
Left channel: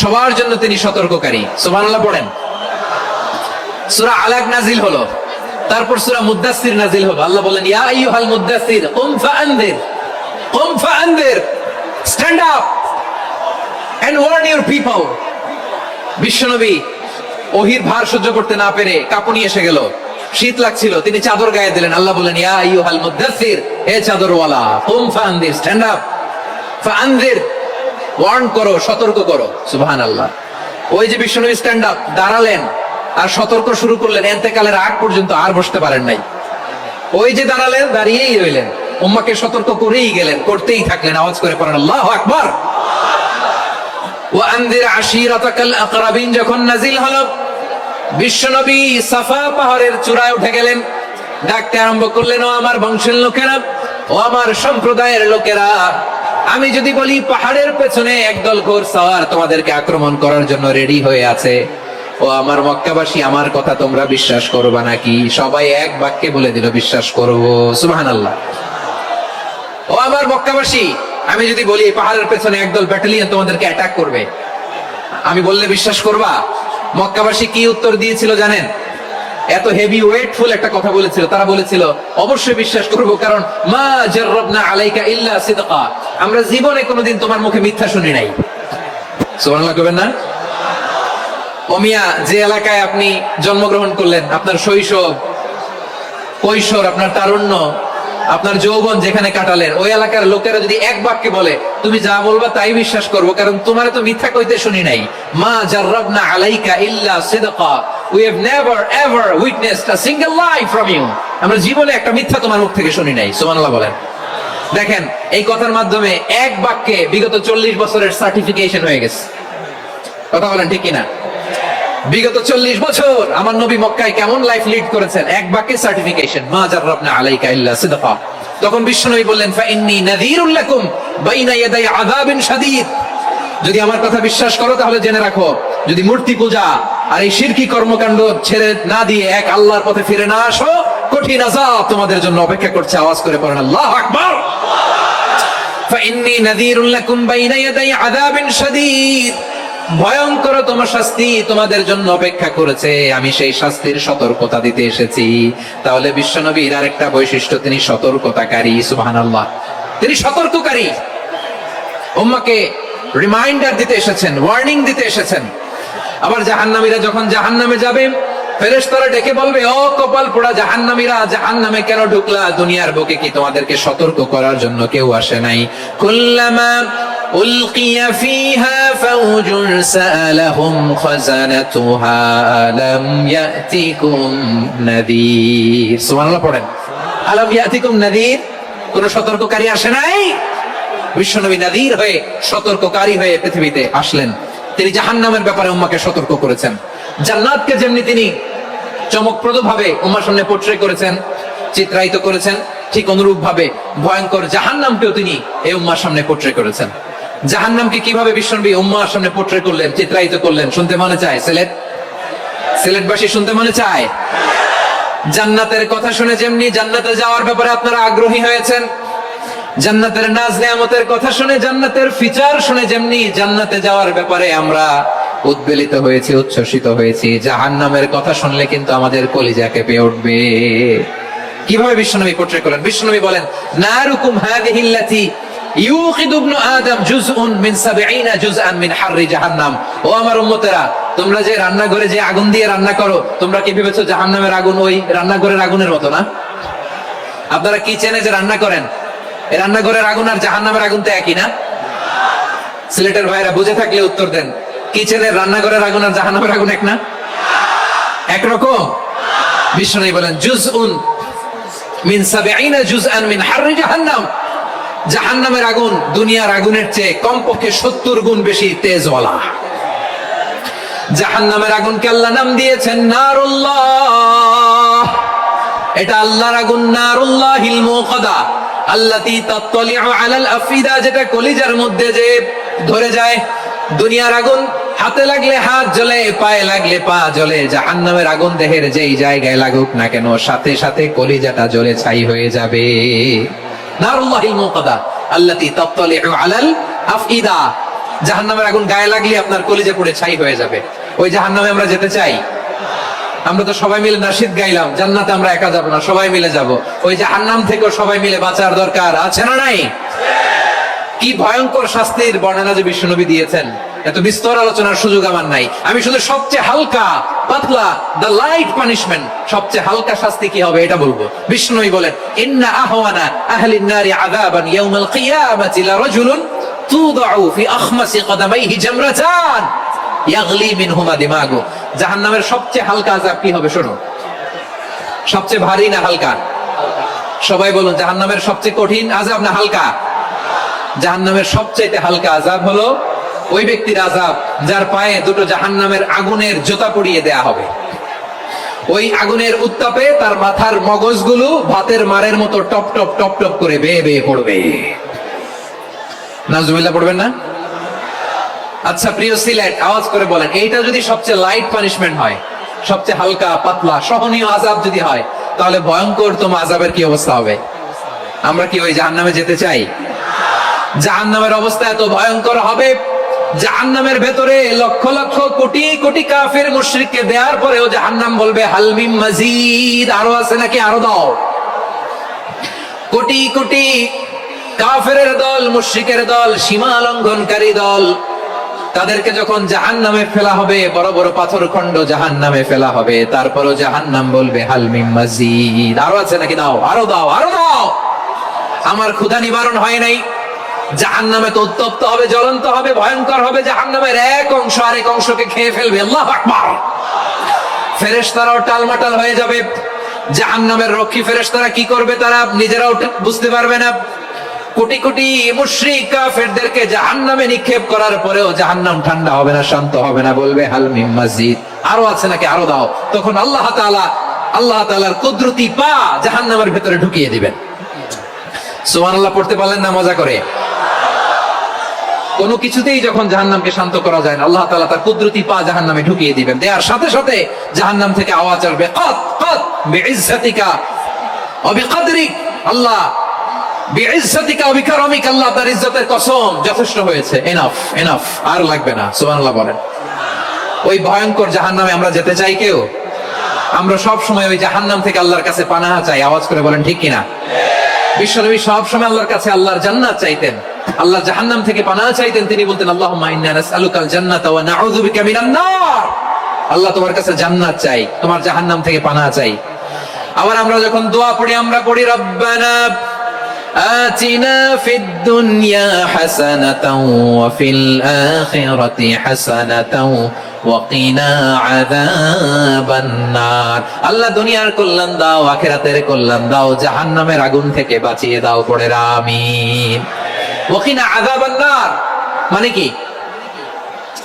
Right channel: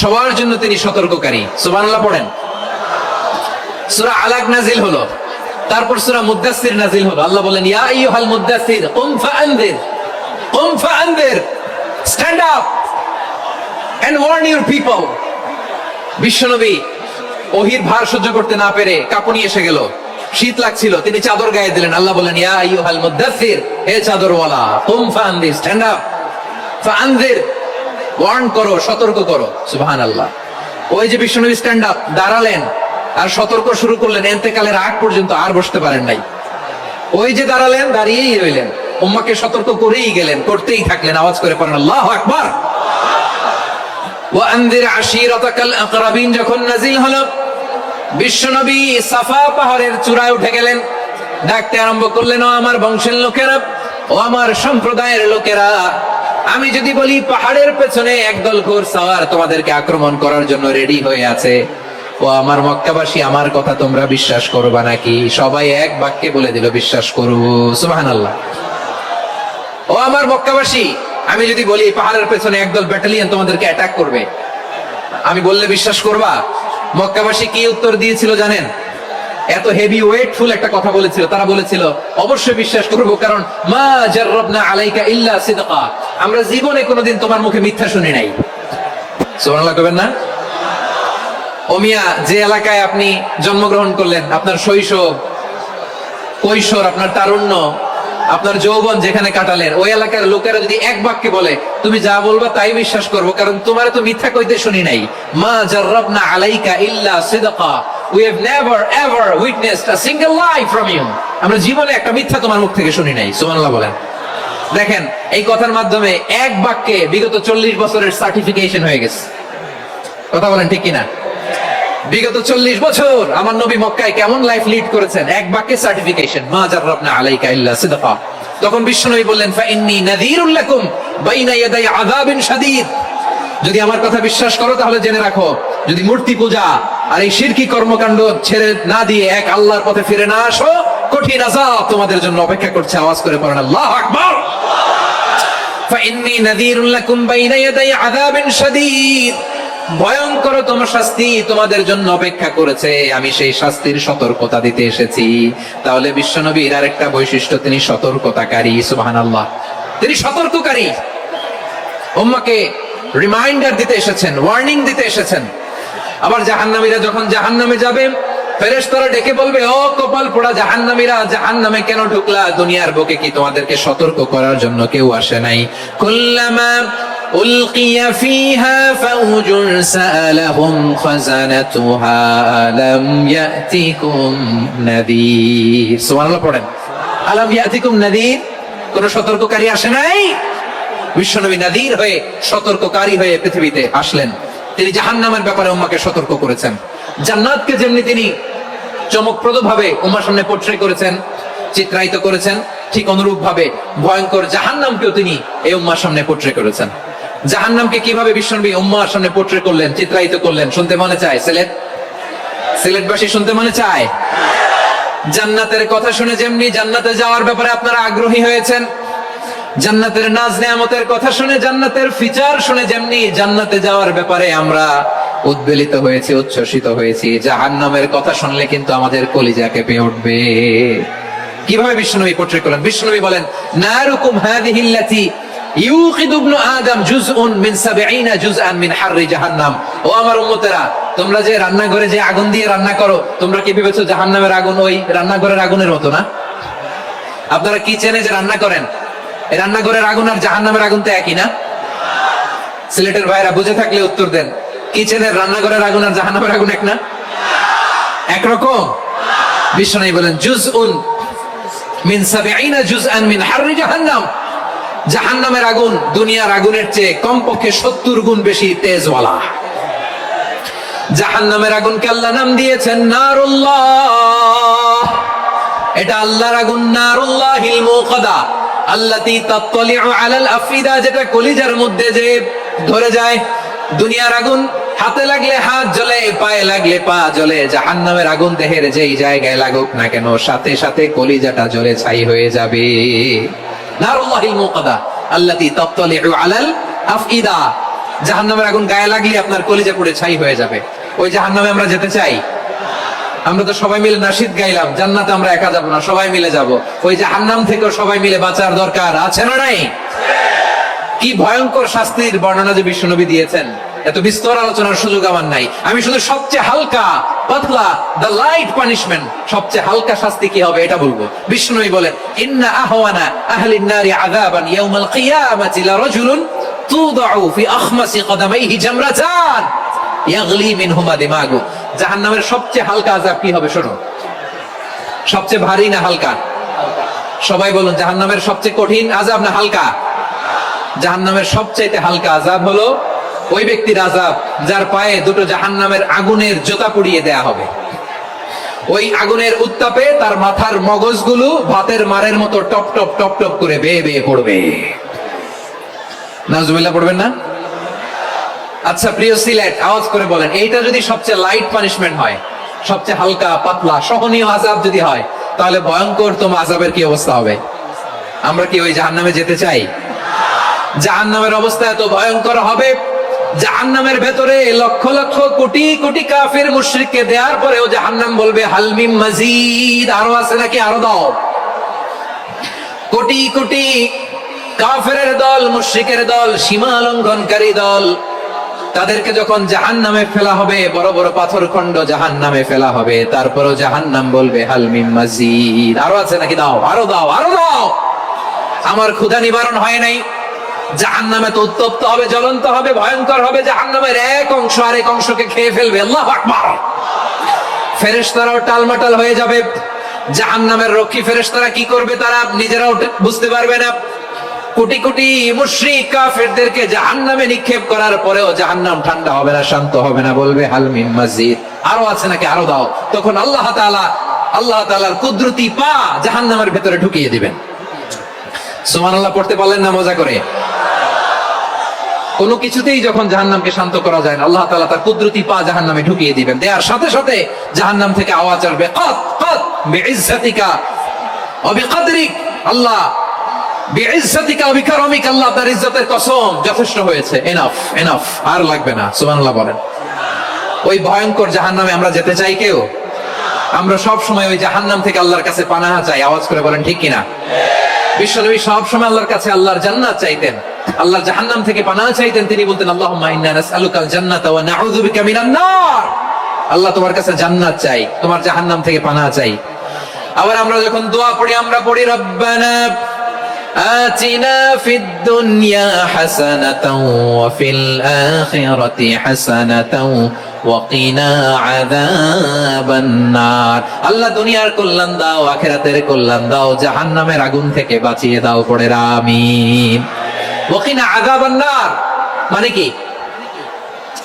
সবার জন্য তিনি সতর্ককারী। সুবহানাল্লাহ পড়েন। সূরা আলাক নাজিল হলো, তারপর সূরা মুদ্দাসসির নাজিল হলো। আল্লাহ বলেন, ইয়া আইয়ুহাল মুদ্দাসসির কুম ফাআনদির, কুম ফাআনদির, stand up and warn your people. বিশ্বনবী ওহীর ভার সহ্য করতে না পেরে কাঁপুনি এসে গেল, শীত লাগছিল, তিনি চাদর গায়ে দিলেন। আল্লাহ বলেন, ইয়া আইয়ুহাল মুদ্দাসসির, হে চাদরওয়ালা, কুম ফাআনদির, স্ট্যান্ড আপ, ফাআনদির, ওয়ার্ন করো, সতর্ক করো। সুবহানাল্লাহ। ওই যে বিশ্বনবী স্ট্যান্ড আপ, দাঁড়ালেন আর সতর্ক শুরু করলেন, এতেকালের আগ পর্যন্ত আর বসতে পারেন নাই। ওই যে দাঁড়ালেন, দাঁড়িয়েই রইলেন, উম্মাকে সতর্ক করেই গেলেন, করতেই থাকলেন। আওয়াজ করে পড়েন আল্লাহু আকবার। ওয়া আনদির আশীরাতাকাল আকরাবিন যখন নাজিল হলো, বিশ্বনবী সাফা পাহাড়ের চূড়ায় উঠে গেলেন, ডাকতে আরম্ভ করলেন, ও আমার বংশের লোকেরা, ও আমার সম্প্রদায়ের লোকেরা, আমি যদি বলি পাহাড়ের পেছনে একদল ঘোড়সওয়ার তোমাদেরকে আক্রমণ করার জন্য রেডি হয়ে আছে, ও আমার মক্কাবাসী, আমার কথা তোমরা বিশ্বাস করবা নাকি? সবাই এক বাক্যে বলে দিল, বিশ্বাস করব। সুবহানাল্লাহ। ও আমার মক্কাবাসী, আমি যদি বলি পাহাড়ের পেছনে একদল ব্যাটালিয়ন তোমাদেরকে অ্যাটাক করবে, আমি বললে বিশ্বাস করবা? মক্কাবাসী কি উত্তর দিয়েছিল জানেন? এত হেভি ওয়েটফুল একটা কথা বলেছিল। তারা বলেছিল, অবশ্যই বিশ্বাস করব, কারণ মা জাররাবনা আলাইকা ইল্লা সিদকা, আমরা জীবনে কোনোদিন তোমার মুখে মিথ্যা শুনি নাই। সুবহানাল্লাহ কবেন না? ও মিয়া, যে এলাকায় আপনি জন্মগ্রহণ করলেন, আপনার শৈশব, কৈশোর, আপনার তারুণ্য, আপনার যৌবন যেখানে কাটালেন, ওই এলাকার লোকেরা যদি এক বাক্যে বলে তুমি যা বলবা তাই বিশ্বাস করবো, কারণ তোমার তো মিথ্যা কইতে শুনি নাই। মা জাররাবনা আলাইকা ইল্লা সিদকা, we have never ever witnessed a single lie from you, আমরা জীবনে একটা মিথ্যা তোমার মুখ থেকে শুনি নাই। সুবহানাল্লাহ বলেন। দেখেন, এই কথার মাধ্যমে এক বাক্যে বিগত 40 বছরের সার্টিফিকেশন হয়ে গেছে। কথা বলেন ঠিক কিনা? বিগত 40 বছর আমার নবী মক্কায় কেমন লাইফ লিড করেছেন, এক বাক্যে সার্টিফিকেশন, মা জাররাবনা আলাইকা ইল্লা সিদকা। তখন বিশ্বনবী বললেন, ফাইন্নী নাযীরুল লাকুম বাইনা ইয়াদাই আযাবিন শাদীদ, যদি আমার কথা বিশ্বাস করো তাহলে জেনে রাখো, যদি মূর্তি পূজা আর এই শিরকি কর্মকাণ্ড ছেড়ে না দিয়ে এক আল্লাহর পথে ফিরে না আসো, কঠিন আযাব তোমাদের জন্য অপেক্ষা করছে। আওয়াজ করে পড়েন আল্লাহু আকবার। ফাইন্নী নাযীরুল লাকুম বাইনা ইয়াদাই আযাবিন শাদীদ, ভয়ঙ্কর তোমার শাস্তি তোমাদের জন্য অপেক্ষা করেছে, আমি সেই শাস্তির সতর্কতা দিতে এসেছি। তাহলে বিশ্বনবীর আরেকটা বৈশিষ্ট্য, তিনি সতর্কতাকারী। সুবহানাল্লাহ। তিনি সতর্ককারী, উম্মাহকে রিমাইন্ডার দিতে এসেছেন, ওয়ার্নিং দিতে এসেছেন। আবার জাহান্নামীরা যখন জাহান্নামে যাবে, ফেরেশতারা ডেকে বলবে, ও কপাল পোড়া জাহান্নামীরা, জাহান্নামে কেন ঢুকলা? দুনিয়ার বুকে কি তোমাদেরকে সতর্ক করার জন্য কেউ আসে নাই? কুল্লামা উলকিয়া ফিহা ফাউজুন সাআলাহুম খাযানাতুহা আলাম ইয়াতিকুম নাযীর। সুবহানাল্লাহ পড়েন। আলাম ইয়াতিকুম নাযীর, কোন সতর্ককারী আসে নাই? বিশ্বনবী নাযীর হয়ে, সতর্ককারী হয়ে পৃথিবীতে আসলেন। তিনি জাহান্নামের ব্যাপারে উম্মাহকে সতর্ক করেছেন। জান্নাতকে যেমনি তিনি চমকপ্রদ ভাবে উম্মার সামনে পোট্রে করেছেন, চিত্রায়িত করেছেন, ঠিক অনুরূপ ভাবে ভয়ঙ্কর জাহান্নামকেও তিনি এই উম্মার সামনে পোট্রে করেছেন। জাহান্নামকে কিভাবে বিশ্বনবী উম্মার সামনে পোট্রে করলেন, চিত্রায়িত করলেন, শুনতে মনে চায়? সিলেটবাসী শুনতে মনে চায়? জান্নাতের কথা শুনে যেমনি জান্নাতে যাওয়ার ব্যাপারে আপনারা আগ্রহী হয়েছেন, জান্নাতের নাজ নেয়ামতের কথা শুনে, জান্নাতের ফিচার শুনে যেমনি জান্নাতে যাওয়ার ব্যাপারে আমরা উদ্বেলিত হয়েছি, উচ্ছ্বসিত হয়েছি, জাহান্নামের কথা শুনলে কিন্তু আমাদের কলিজা কেঁপে উঠবে। কিভাবে বিশ্বনবী পোট্রে করলেন? বিশ্বনবী বলেন, নারুকুম হাযিহিল্লাতী ইউকিদু ইবনু আদম জুজউন মিন ৭০ জুজআন মিন হাররি জাহান্নাম। ও আমার উম্মতেরা, তোমরা যে রান্নাঘরে যে আগুন দিয়ে রান্না করো, তোমরা কি ভেবেছো জাহান্নামের আগুন ওই রান্নাঘরের আগুনের মতো না? আপনারা কিচেনে যে রান্না করেন, এই রান্নাঘরের আগুন আর জাহান্নামের আগুন তো একই না? সিলেটের ভাইরা বুঝে থাকলে উত্তর দেন, কিচেনের রান্নাঘরের আগুন আর জাহান্নামের আগুন এক না? একরকম? বিশ্বনবী বলেন, জুজউন মিন ৭০ জুজআন মিন হাররি জাহান্নাম। জাহান্নামের আগুন দুনিয়ার আগুনের চেয়ে কমপক্ষে ৭০ গুণ বেশি তেজওয়ালা। জাহান্নামের আগুনকে আল্লাহ নাম দিয়েছেন নারুল্লাহ। এটা আল্লাহর আগুন, নারুল্লাহিল মুকাদা আল্লাতী তাত্তালিউ আলাল আফিদা, যেটা কলিজার মধ্যে যে ধরে যায়। দুনিয়ার আগুন হাতে লাগলে হাত জ্বলে, পায়ে লাগলে পা জ্বলে। জাহান্নামের আগুন দেহের যেই জায়গায় লাগুক না কেন, সাথে সাথে কলিজাটা জ্বলে ছাই হয়ে যাবে। নারুল্লাহিল মুকাদা আল্লাতী তাত্তালিউ আলাল আফিদা। জাহান্নামের আগুন গায়ে লাগলে আপনার কলিজা পুড়ে ছাই হয়ে যাবে। ওই জাহান্নামে আমরা যেতে চাই? আমরা তো সবাই মিলে নাশিদ গাইলাম, জান্নাতে আমরা একা যাব না, সবাই মিলে যাব। ওই জাহান্নাম থেকেও সবাই মিলে বাঁচার দরকার আছে না নাই? কি ভয়ঙ্কর শাস্তির বর্ণনা যে বিশ্বনবী দিয়েছেন, এত বিস্তর আলোচনার সুযোগ আমার নাই। আমি শুধু সবচেয়ে হালকা পাতলা, দ্য লাইট পানিশমেন্ট, সবচেয়ে হালকা শাস্তি কি হবে এটা বলবো। বিশ্বনবী বলেন, ইন্না আহওয়ানা আহলিন নারি আযাবান ইয়াউমাল কিয়ামাতি লারাজুলুন তুদাউ ফি আখমাসি কদামাইহি জামরাতান ইয়াগলি মিনহুমা দিমাগু। জাহান্নামের সবচেয়ে হালকা আযাব কি হবে শোনো? সবচেয়ে ভারী না হালকা? সবাই বলুন, জাহান্নামের সবচেয়ে কঠিন আযাব না হালকা? জাহান্নামের সবচেয়ে হালকা আযাব হলো ওই ব্যক্তির আযাব যার পায়ে দুটো জাহান্নামের আগুনের জুতা পুড়িয়ে দেয়া হবে। ওই আগুনের উত্তাপে তার মাথার মগজগুলো ভাতের মারের মতো টপ টপ টপ টপ করে বেয়ে বেয়ে পড়বে। নাউজুবিল্লাহ পড়বেন না? আচ্ছা প্রিয় সিলেট, আওয়াজ করে বলেন, এইটা যদি সবচেয়ে লাইট পানিশমেন্ট হয়, সবচেয়ে হালকা পাতলা সহনীয় আযাব যদি হয়, তাহলে ভয়ঙ্করতম আযাবের কি অবস্থা হবে? আমরা কি ওই জাহান্নামে যেতে চাই? জাহান্নামের অবস্থা এত ভয়ঙ্কর হবে, জাহান্নামের ভেতরে লক্ষ লক্ষ কোটি কোটি কাফির মুশরিককে দেওয়ার পরেও জাহান্নাম বলবে হাল মিন মাজিদ, আরো আছে নাকি, আরো দাও। কোটি কোটি কাফেরের দল, মুশরিকের দল, সীমা লঙ্ঘনকারী দল, তাদেরকে যখন জাহান্নামে ফেলা হবে, বড় বড় পাথর খণ্ড জাহান্নামে ফেলা হবে, তারপরও জাহান্নাম বলবে হাল মিন মাজিদ, আরো আছে নাকি, দাও, আরো দাও, আরো দাও। আমার ক্ষুধা নিবারণ হয় নাই। জাহান্নামে তো উত্তপ্ত হবে, জ্বলন্ত হবে, ভয়ঙ্কর হবে। জাহান্নামের এক অংশ আরেক অংশকে খেয়ে ফেলবে। আল্লাহু আকবার। ফেরেশতারাও টালমাটাল হয়ে যাবে। জাহান্নামের রক্ষী ফেরেশতারা কি করবে তারা নিজেরাও বুঝতে পারবে না। কোটি কোটি মুশরিক কাফেরদেরকে জাহান্নামে নিক্ষেপ করার পরেও জাহান্নাম ঠান্ডা হবে না, শান্ত হবে না, বলবে হাল মিন মাজিদ, আরো আছে নাকি, আরো দাও। তখন আল্লাহ তাআলার কুদরতি পা জাহান্নামের ভেতরে ঢুকিয়ে দিবেন। সুবহানাল্লাহ পড়তে পারলেন না মজা করে? কোনো কিছুতেই যখন জাহান্নামকে শান্ত করা যায় না, আল্লাহ তাআলা তার কুদরতি পা জাহান্নামে ঢুকিয়ে দিবেন। দেয়ার সাথে সাথে জাহান্নাম থেকে আওয়াজ আসবে, কাত কাত বিইজ্জাতিকা ওয়া বিকদরিক, আল্লাহ বিইজ্জাতিকা ওয়া বিকারমিক, আল্লাহ আপনার ইজ্জতের কসম, যথেষ্ট হয়েছে, এনাফ এনাফ, আর লাগবে না। সুবহানাল্লাহ বলেন। ওই ভয়ঙ্কর জাহান্নামে আমরা যেতে চাই কেউ? আমরা সব সময় ওই জাহান্নাম থেকে আল্লাহর কাছে পানাহ চাই। আওয়াজ করে বলেন ঠিক কিনা? বিশ্বনবী সব সময় আল্লাহর কাছে আল্লাহর জান্নাত চাইতেন, আল্লাহর জাহান্নাম থেকে পানাহ চাইতেন। তিনি বলতেন, আল্লাহুম্মা ইন্না নাসআলুকাল জান্নাতা ওয়া নাউযু বিকা মিনান নার। আল্লাহ তোমার কাছে জান্নাত চাই, তোমার জাহান্নাম থেকে পানাহ চাই। আবার আমরা যখন দোয়া পড়ি, আমরা পড়ি রব্বানা আতিনা ফিদ দুনিয়া হাসানাতাও ওয়া ফিল আখিরাতি হাসানাতাও ওয়া কিনা আযাবান নার। আল্লাহ দুনিয়ার কল্যাণ দাও, আখিরাতের কল্যাণ দাও, জাহান্নামের আগুন থেকে বাঁচিয়ে দাও, পড়ে আমিন। ওয়া কিনা আযাবান নার মানে কি?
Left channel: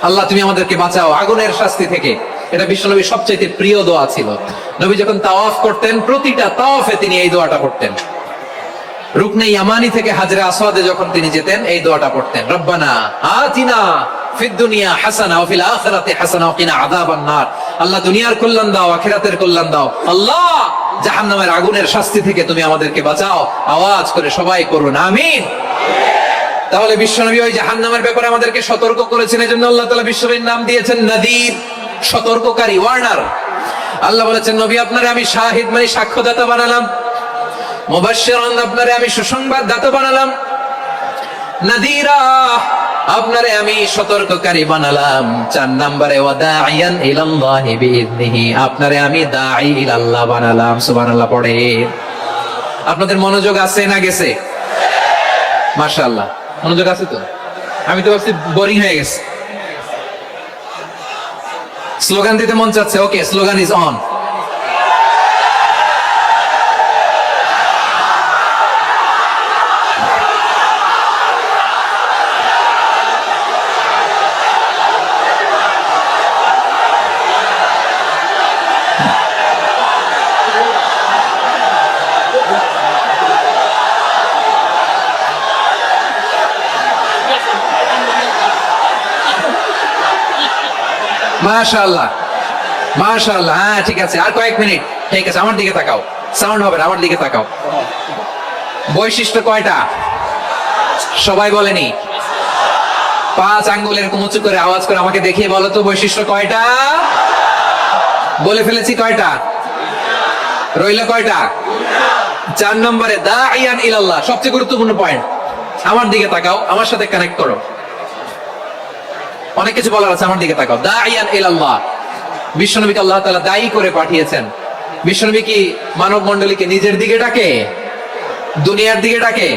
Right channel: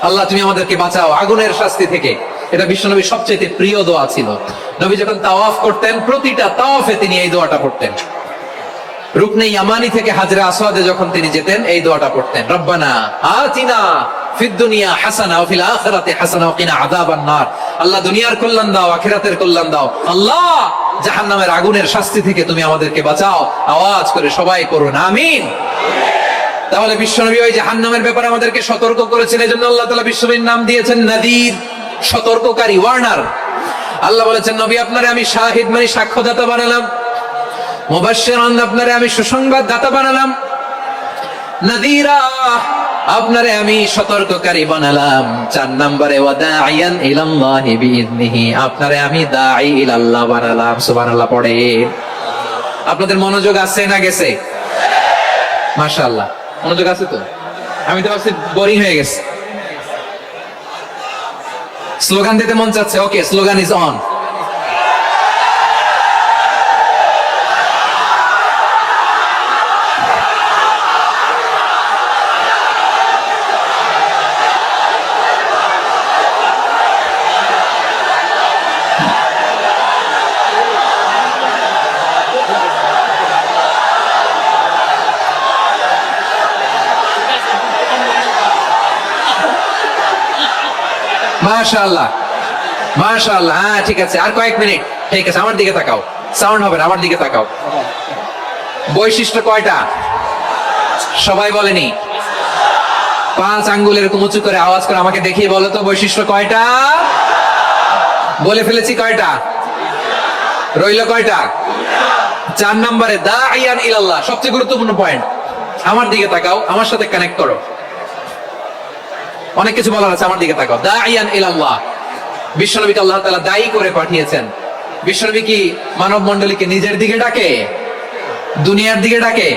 আল্লাহ তুমি আমাদেরকে বাঁচাও আগুনের শাস্তি থেকে। এটা বিশ্বনবীর সবচেয়ে প্রিয় দোয়া ছিল। নবী যখন তাওয়াফ করতেন, প্রতিটা তাওয়াফে তিনি এই দোয়াটা পড়তেন। রুকনে ইয়ামানি থেকে হাজরে আসওয়াদে যখন তিনি যেতেন, এই দোয়াটা পড়তেন, রব্বানা আতিনা ফিদ দুনিয়া হাসানা ওয়া ফিল আখিরাতি হাসানা ওয়া কিনা আযাবান নার। আল্লাহ দুনিয়ার কল্যাণ দাও, আখিরাতের কল্যাণ দাও। আল্লাহ জাহান্নামের আগুনের শাস্তি থেকে তুমি আমাদেরকে বাঁচাও। আওয়াজ করে সবাই করুন আমিন। তাহলে বিশ্বনবী ওই জাহান্নামের ব্যাপারে আমাদেরকে সতর্ক করেছেন, এজন্য আল্লাহ তাআলা বিশ্বনবীর নাম দিয়েছেন নাদির, সতর্ককারী, ওয়ার্নার। আল্লাহ বলেছেন নবী আপনারে আমি শাহিদ মানে সাক্ষ্যদাতা বানালাম, মুবাশশিরান আপনারে আমি সুসংবাদ দাতা বানালাম, নাদিরা আপনারে আমি সতর্ককারী বানালাম। 4 নম্বরে ওয়াদাইয়ান ইলাল্লাহি বিইذনিহি আপনারে আমি দাঈ ইলাল্লাহ বানালাম। সুবহানাল্লাহ পড়ে। আপনাদের মনোযোগ আছে না গেছে? মাশাআল্লাহ মনোযোগ আছে তো। আমি তো ভাবছি বোরিং হয়ে গেছে। স্লোগান দিতে মন চাচ্ছে। ওকে, স্লোগান ইজ অন। মাশাআল্লাহ মাশাআল্লাহ। হ্যাঁ ঠিক আছে, আর কয়েক মিনিট। ঠিক আছে, আমার দিকে তাকাও, সাউন্ড হবে না, আমার দিকে তাকাও। বৈশিষ্ট্য কয়টা সবাই বলেনি? 5 আঙ্গুল এরকম উঁচু করে আওয়াজ করে আমাকে দেখিয়ে বলো তো বৈশিষ্ট্য কয়টা? বলে ফেলেছি কয়টা? রইল কয়টা? 4 নম্বরে দাঈয়ান ইলাল্লাহ, সবচেয়ে গুরুত্বপূর্ণ পয়েন্ট। আমার দিকে তাকাও, আমার সাথে কানেক্ট করো। অনেক কিছু বলার আছে, আমার দিকে তাকাও। দাঈয়ান ইলাল্লাহ, বিশ্বনবীকে আল্লাহ তাআলা দায়ী করে পাঠিয়েছেন। বিশ্বনবী কি মানব মণ্ডলীকে নিজের দিকে ডাকে, দুনিয়ার দিকে ডাকে?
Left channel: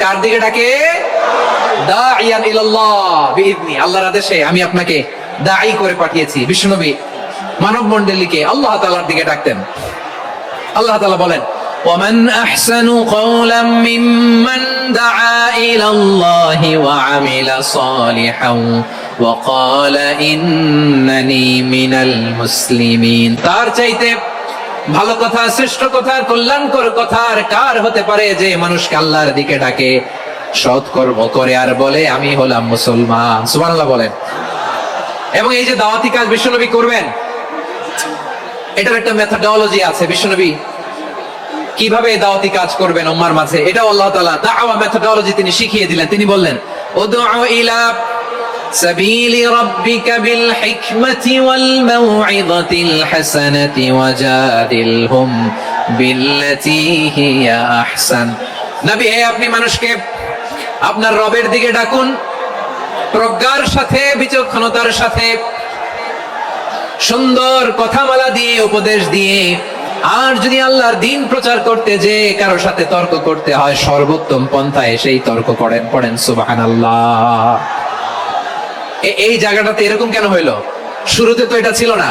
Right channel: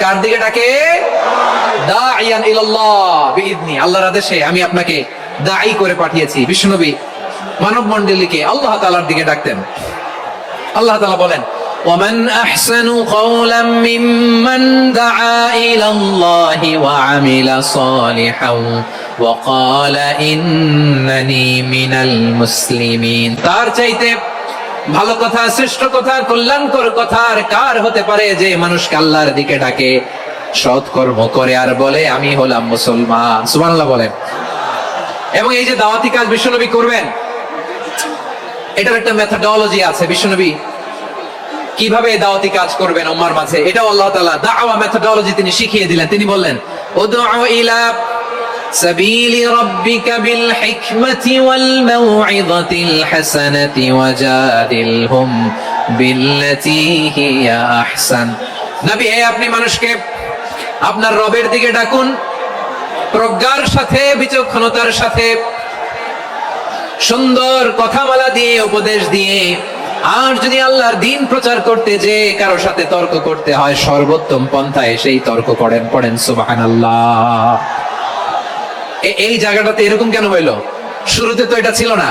কার দিকে ডাকে? দাঈয়ান ইলাল্লাহ বিইذনি, আল্লাহর আদেশে আমি আপনাকে দায়ী করে পাঠিয়েছি। বিশ্বনবী মানব মণ্ডলীকে আল্লাহ তাআলার দিকে ডাকতেন। আল্লাহ তাআলা বলেন ومن أحسن قولا ممن دعا إلى الله وعمل صالحا وقال إنني من المسلمين। তার চাইতে ভালো কথা, শ্রেষ্ঠ কথা, কল্যাণকর কথা আর কার হতে পারে যে মানুষকে আল্লাহর দিকে ডাকে, সৎ কর্ম করে আর বলে আমি হলাম মুসলমান। সুবহানাল্লাহ বলেন। এবং এই যে দাওয়াতি কাজ বিশ্বনবী করবেন, এটার একটা মেথডোলজি আছে। বিশ্বনবী কিভাবে দাওয়াতি কাজ করবেন উম্মার মাঝে, এটাও আল্লাহ তাআলা দাওয়া মেথডোলজি তিনি শিখিয়ে দিলেন। তিনি বললেন উদউ ইলা সাবিলি রাব্বিকা বিল হিকমাতি ওয়াল মাউইযাতিল হাসানাতি ওয়াজাদিলহুম বিল্লাতী হিয়া আহসান। নবী, আপনি মানুষকে আপনার রবের দিকে ডাকুন প্রজ্ঞার সাথে, বিচক্ষণতার সাথে, সুন্দর কথামালা দিয়ে, উপদেশ দিয়ে। আর যদি আল্লাহর দ্বীন প্রচার করতে যে কারো সাথে তর্ক করতে হয়, সর্বোত্তম পন্থায় সেই তর্ক করেন। পড়েন সুবহানাল্লাহ। এই জায়গাটাতে এরকম কেন হইলো? শুরুতে তো এটা ছিল না।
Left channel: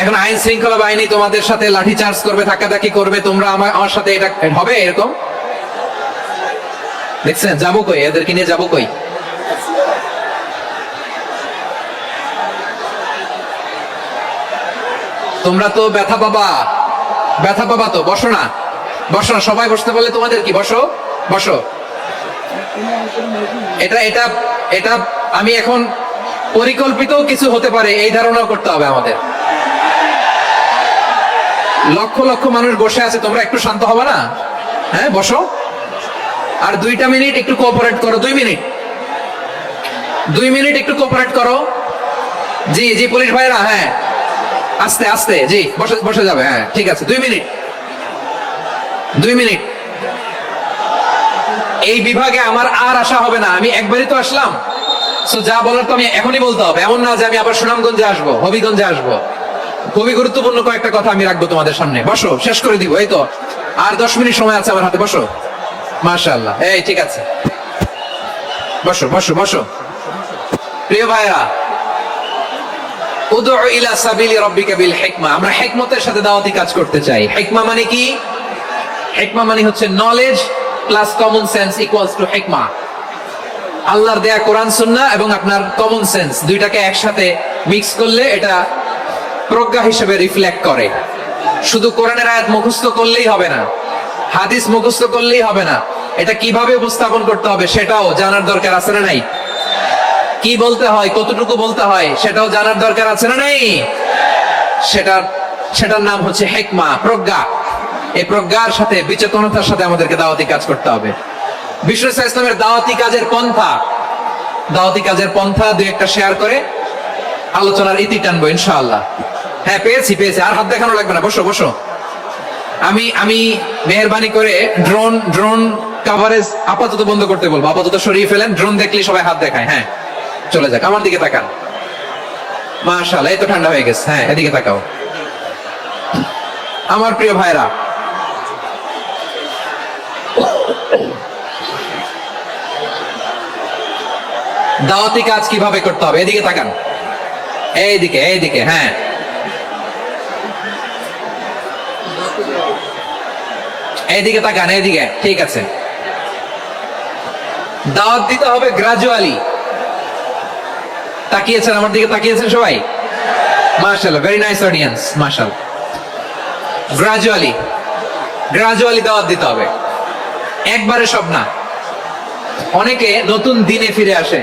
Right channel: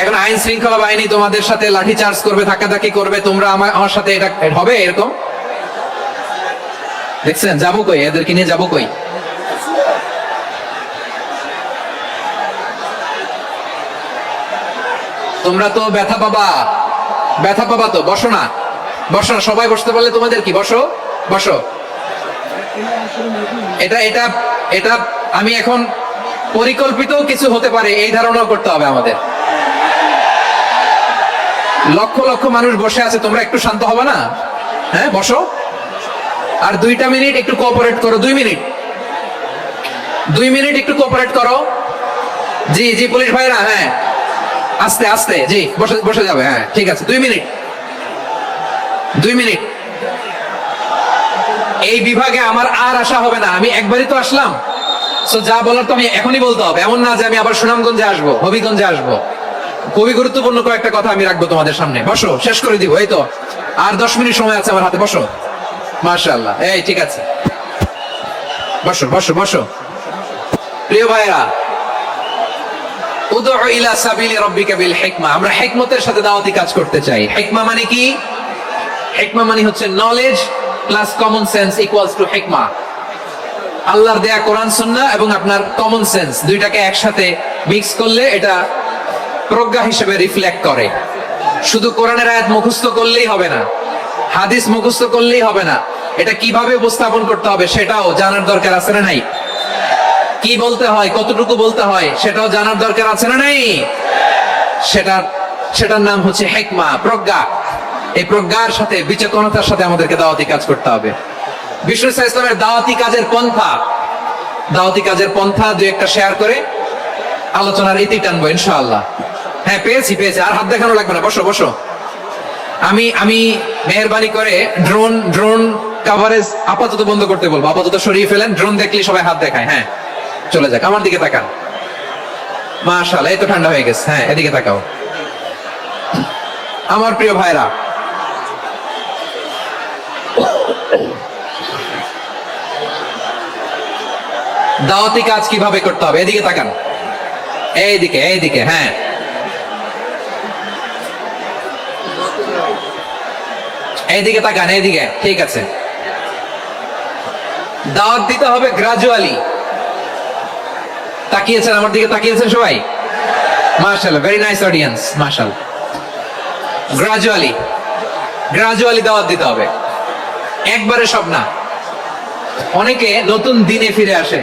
এখন আইন শৃঙ্খলা বাহিনী তোমাদের সাথে লাঠি চার্জ করবে, ধাক্কাধাক্কি করবে, তোমরা আমার সাথে এটা হবে এরকম? দেখছেন যাবো কই? এদেরকে নিয়ে যাবো কই? তোমরা তো ব্যথা পাবা, ব্যথা পাবা তো। বসো না, বসো না, সবাই বসতে পারলে তোমাদের কি? বসো বসো। এটা এটা এটা আমি এখন পরিকল্পিত কিছু হতে পারে এই ধারণাও করতে হবে আমাদের। লক্ষ লক্ষ মানুষ বসে আছে, তোমরা একটু শান্ত হবে না? হ্যাঁ বসো। আর 2টা মিনিট একটু কোঅপারেট করো। 2 মিনিট, 2 মিনিট একটু কোঅপারেট করো। জি জি পুলিশ ভাইরা, হ্যাঁ আস্তে আস্তে, জি বসে বসে যাবে। হ্যাঁ ঠিক আছে, 2 মিনিট, 2 মিনিট। এই বিভাগে আমার আর আসা হবে না, আমি একবারই তো আসলাম। সো যা বলার তো আমি এখনই বলতে হবে, এমন না যে আমি আবার সুনামগঞ্জে আসবো, হবিগঞ্জে আসবো। খুবই গুরুত্বপূর্ণ কয়েকটা কথা আমি রাখবো তোমাদের সামনে। বসো, শেষ করে দিব। এই তো আর 10 মিনিট সময় আছে আমার হাতে। বসো। মাশাআল্লাহ, এই ঠিক আছে, বসো বসো বসো। প্রিয় ভাইরা, উদউ ইলা সাবিলি রাব্বিকা বিল হিকমা, আমরা হিকমতের সাথে দাওয়াতি কাজ করতে চাই। হিকমা মানে কি? হিকমা মানে হচ্ছে knowledge plus common sense equals to হিকমা। আল্লাহর দেয়া কোরআন সুন্নাহ এবং আপনার কমন সেন্স দুইটাকে একসাথে মিক্স করলে এটা প্রজ্ঞা হিসেবে রিফ্লেক্ট করে। শুধু কোরআনের আয়াত মুখস্থ করলেই হবে না, হাদিস মুখস্থ করলেই হবে না, এটা কিভাবে উপস্থাপন করতে হবে সেটাও জানার দরকার আছে না নাই? কি বলতে হয়, কতটুকু বলতে হয় সেটাও জানার দরকার আছে না নাই? সেটার নাম হচ্ছে হিকমা, প্রজ্ঞা। এই প্রজ্ঞার সাথে বিচেতনতার সাথে আমাদেরকে দাওয়াতি কাজ করতে হবে। বিষ্ণু ইসলামের দাওয়াতি কাজের পন্থা দুই একটা শেয়ার করে আলোচনার ইতি টানবো ইনশাআল্লাহ। হ্যাঁ, পেয়েছি। আর হাত দেখানো লাগবে না, বসো। আমি মেহেরবানি করে ড্রোন কভারেজ আপাতত বন্ধ করতে বলবো, আপাতত সরিয়ে ফেলেন। ড্রোন দেখলে সবাই হাত দেখায়। হ্যাঁ, চলে যাক, আমার দিকে তাকান। মাশাআল্লাহ, এই তো ঠান্ডা হয়ে গেছে। হ্যাঁ, এদিকে তাকাও। আমার প্রিয় ভাইরা, দাওয়াতি কাজ কিভাবে করতে হবে এদিকে তাকান। এইদিকে। হ্যাঁ, এইদিকে তাকান, এইদিকে। ঠিক আছে, দাওয়াত দিতে হবে গ্রাজুয়ালি। তাকিয়েছেন আমার দিকে, তাকিয়েছেন সবাই? মাশাআল্লাহ, ভেরি নাইস অডিয়েন্স, মাশাআল্লাহ। গ্রাজুয়ালি দাওয়াত দিতে হবে, একবারে সব না। অনেকে নতুন দিনে ফিরে আসে,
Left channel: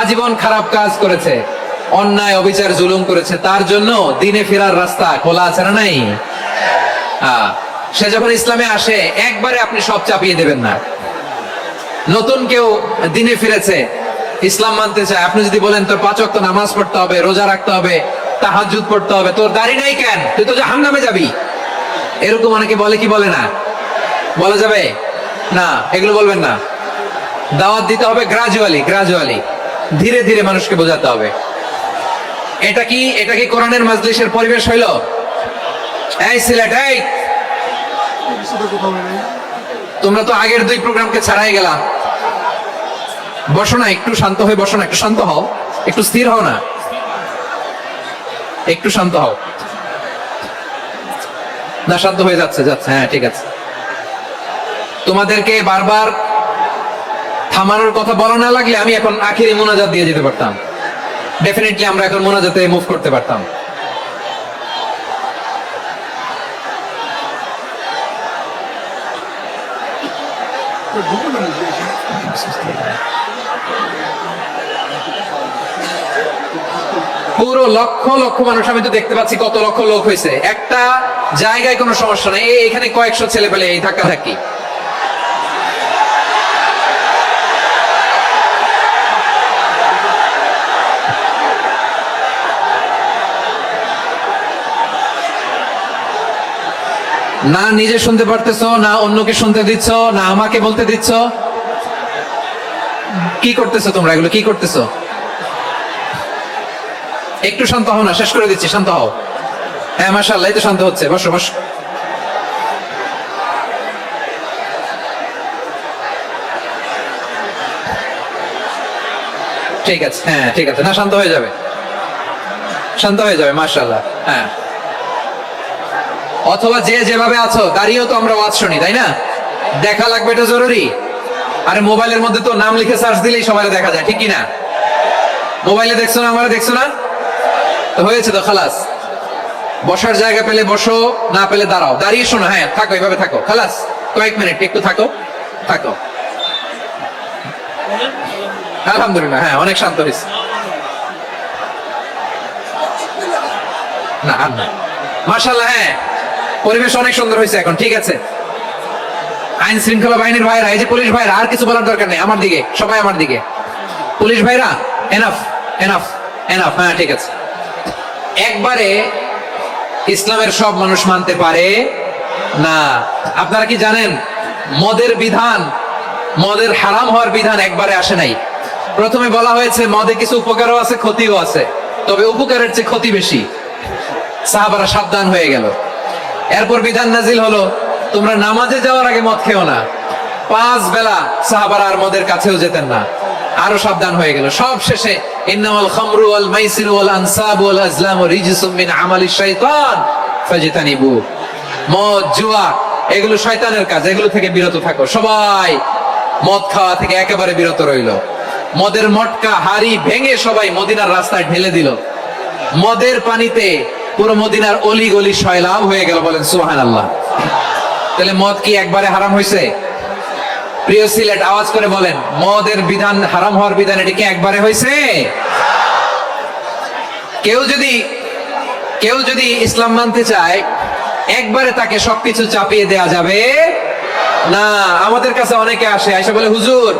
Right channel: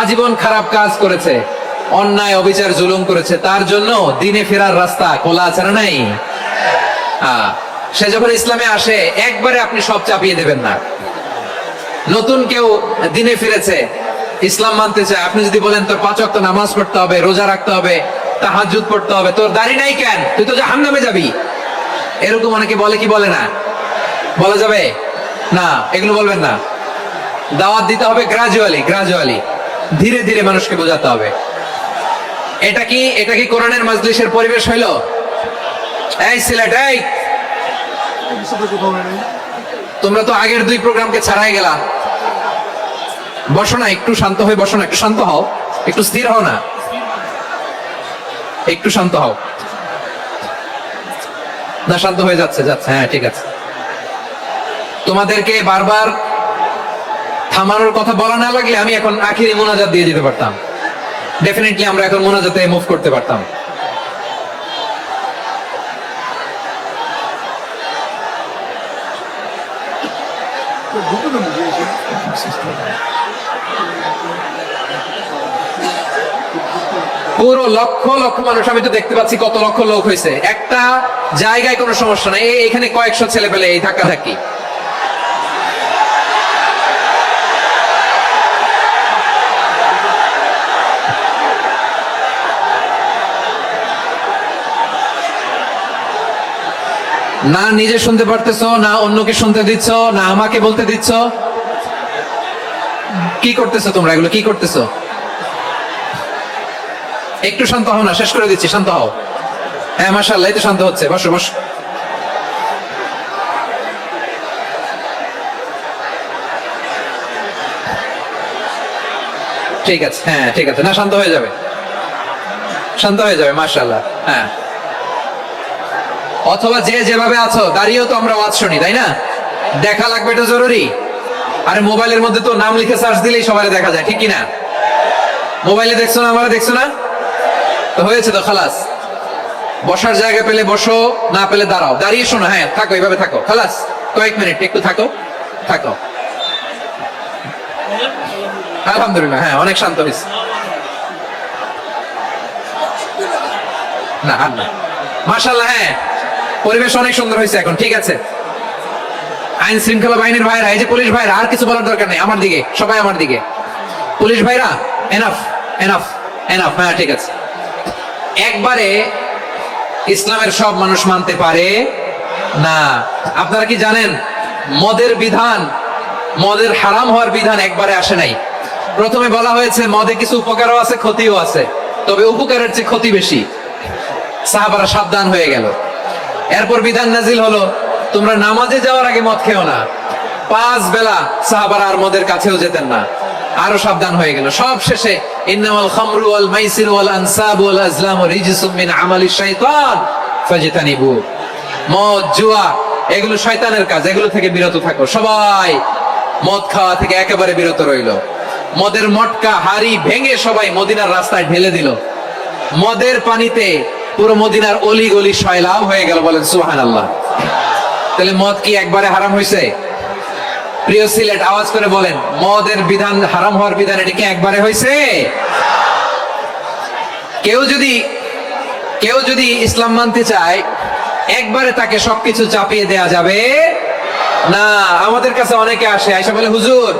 আজীবন খারাপ কাজ করেছে, অন্যায় অবিচার জুলুম করেছে, তার জন্য দিনে ফেরার রাস্তা খোলা আছে না নাই? সে যখন ইসলামে আসে একবারে আপনি সব চাপিয়ে দেবেন না। নতুন কেউ দিনে ফিরেছে, ইসলাম মানতে চায়, আপনি যদি বলেন তোর 5 ওয়াক্ত নামাজ পড়তে হবে, রোজা রাখতে হবে, তাহাজ্জুদ পড়তে হবে, তোর দাড়ি নাই কেন, তুই তো জাহান্নামে যাবি, এরকম অনেকে বলে কি বলে না? বলা যাবে না, এগুলো বলবেন না। দাওয়াত দিতে হবে গ্রাজুয়ালি, ধীরে ধীরে মানুষকে বোঝাতে হবে। এটা কি কোরআনের মাজলিসের পরিবেশ হইল? এই সিলেট, এই তোমরা তো আগের 2 প্রোগ্রামকে ছাড়াই গেলা। বসো না, একটু শান্ত হয়ে বসো না, একটু শান্ত হও, একটু স্থির হও না, একটু শান্ত হও না। শান্ত হয়ে যাচ্ছে। হ্যাঁ, ঠিক আছে। তোমাদেরকে বারবার থামানোর কথা বলা না লাগলে আমি এখন আখিরি মোনাজাত দিয়ে যেতে পারতাম। ডেফিনেটলি আমরা এখন মোনাজাতে মুভ করতে পারতাম। পুরো লক্ষ মানুষ, আমি তো দেখতে পাচ্ছি কত লক্ষ লোক হয়েছে। একটা জায়গায় কোনো সমস্যা নাই, এখানে কয়েকশো ছেলে পেলে এই ধাক্কাধাক্কি। না নিজে শুনতে পারতেছো, না অন্যকে শুনতে দিচ্ছ, না আমাকে বলতে দিচ্ছ। কি করতেছো তোমরা? এগুলো কি করতেছো? একটু শান্ত হও না, শেষ করে দিচ্ছি, শান্ত হও। হ্যাঁ, মাশাআল্লাহ, এই তো শান্ত হচ্ছে। বসো। ঠিক আছে, হ্যাঁ ঠিক আছে। না, শান্ত হয়ে যাবে, মাশাআল্লাহ। হ্যাঁ, অথবা যে যেভাবে আছো দাঁড়িয়েও তো আমরা ওয়াজ শুনি, তাই না? দেখা লাগবে, এটা জরুরি। আরে মোবাইলের মধ্যে তো নাম লিখে সার্চ দিলেই সবাই দেখা যায়, ঠিক কি না? মোবাইলে দেখছো না, আমারে দেখছো না, তো হয়েছে তো, খালাস। বসার জায়গা পেলে বসো, না পেলে দাঁড়াও, দাঁড়িয়ে শোনো। হ্যাঁ, থাকো, এইভাবে থাকো, খালাস। কয়েক মিনিট একটু থাকো। আলহামদুলিল্লাহ, হ্যাঁ, অনেক শান্ত হয়েছে। না মাশাআল্লাহ, হ্যাঁ, পরিবেশ অনেক সুন্দর হয়েছে এখন। ঠিক আছে, আইন শৃঙ্খলা বাহিনীর ভাইরা, এই যে পুলিশ ভাইরা, আর কিছু বলার দরকার নেই। আমার দিকে সবাই, আমার দিকে। পুলিশ ভাইরা, এনাফ। হ্যাঁ, ঠিক আছে। একবারে ইসলামের সব মানুষ মানতে পারে না। আপনারা কি জানেন মদের হারাম হওয়ার বিধান একবারে আসে নাই। প্রথমে বলা হয়েছে মদে কিছু উপকারও আছে, ক্ষতিও আছে, তবে উপকারের চেয়ে ক্ষতি বেশি। সাহাবারা সাবধান হয়ে গেল। এরপর বিধান নাজিল হলো, তোমরা নামাজে যাওয়ার আগে মদ খেও না। 5 বেলা সাহাবারা আর মদের কাছেও যেতেন না, আরো সাবধান হয়ে গেল। সব শেষে ইন্নামাল খামরু ওয়াল মাইসিরু ওয়াল আনসাবু ওয়াল আজলামু রিজসুম মিন আমালিশ শাইতান ফাজতানিবু। মদ, জুয়া, এগুলো শয়তানের কাজ, এগুলো থেকে বিরত থাকো। সবাই মদ খাওয়া থেকে একেবারে বিরত রইল। মদের মটকা, হাড়ি ভেঙে সবাই মদিনার রাস্তায় ঢেলে দিল। মদের পানিতে পুরো মদিনার অলি গলি সয়লাব হয়ে গেল। বলেন সুবহানাল্লাহ। তাহলে মদ কি একবারে হারাম হয়েছে? প্রিয় সিলেট, আওয়াজ করে বলেন, মদের বিধান, হারাম হওয়ার বিধান এটা কি একবারে হয়েছে? কেউ যদি ইসলাম মানতে চায়, একবারে তাকে সবকিছু চাপিয়ে দেয়া যাবে না। আমাদের কাছে অনেকে আসে, আইসা বলে, হুজুর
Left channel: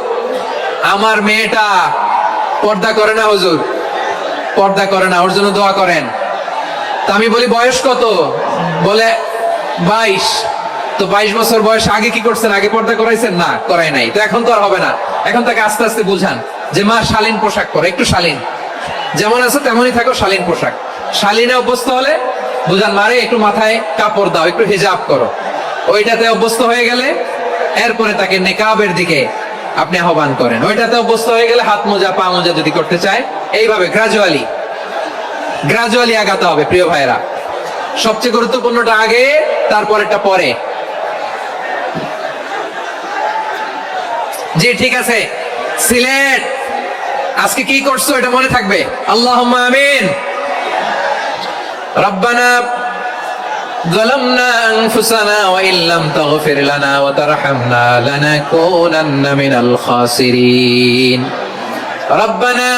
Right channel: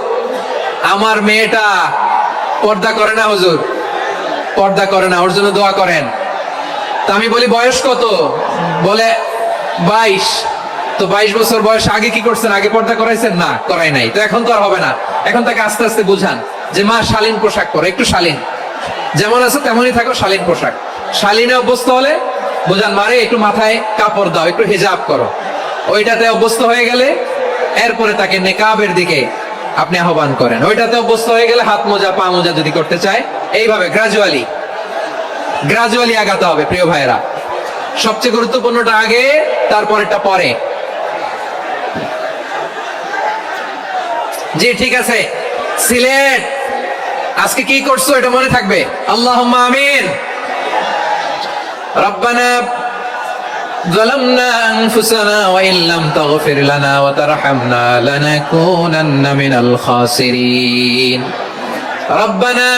আমার মেয়েটা পর্দা করে না, হুজুর পর্দা করে না, ওর জন্য দোয়া করেন। তা আমি বলি বয়স কত? বলে 22। তো 22 বছর বয়স আগে কি করছেন? আগে পর্দা করাইছেন? না, করাই নাই। তো এখন তো আর হবে না। এখন তাকে আস্তে আস্তে বুঝান যে মা শালীন পোশাক পরো, একটু শালীন, যেমন আছে তেমনই থাকো, শালীন পোশাক। শালীনে অভ্যস্ত হলে বুঝান, মারে একটু মাথায় কাপড় দাও, একটু হিজাব করো। ওইটাতে অভ্যস্ত হয়ে গেলে এরপরে তাকে নেকাবের দিকে আপনি আহ্বান করেন। ওইটাতে অভ্যস্ত হয়ে গেলে হাত মোজা, পা মোজা যদি করতে চায়, এইভাবে গ্রাজুয়ালি আগাতে হবে। প্রিয় ভাইরা, সবচেয়ে গুরুত্বপূর্ণটা আগে, তারপরেরটা পরে। জি ঠিক আছে। সিলেট আজকে কি করছো এটা মনে থাকবে। আল্লাহুম্মা আমিন। রব্বানা ظلمنا أنفسنا وإن لم تغفر لنا وترحمنا لنكونن من الخاسرين. ربنا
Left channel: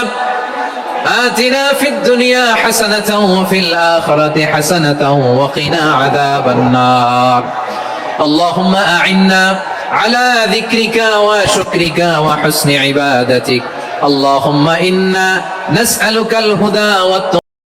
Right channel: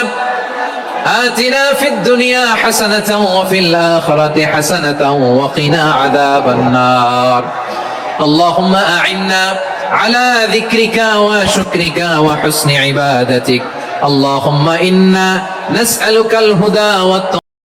آتنا في الدنيا حسنة وفي الآخرة حسنة وقنا عذاب النار. اللهم أعنا على ذكرك وشكرك وحسن عبادتك. اللهم إنا نسألك الهدى والتقى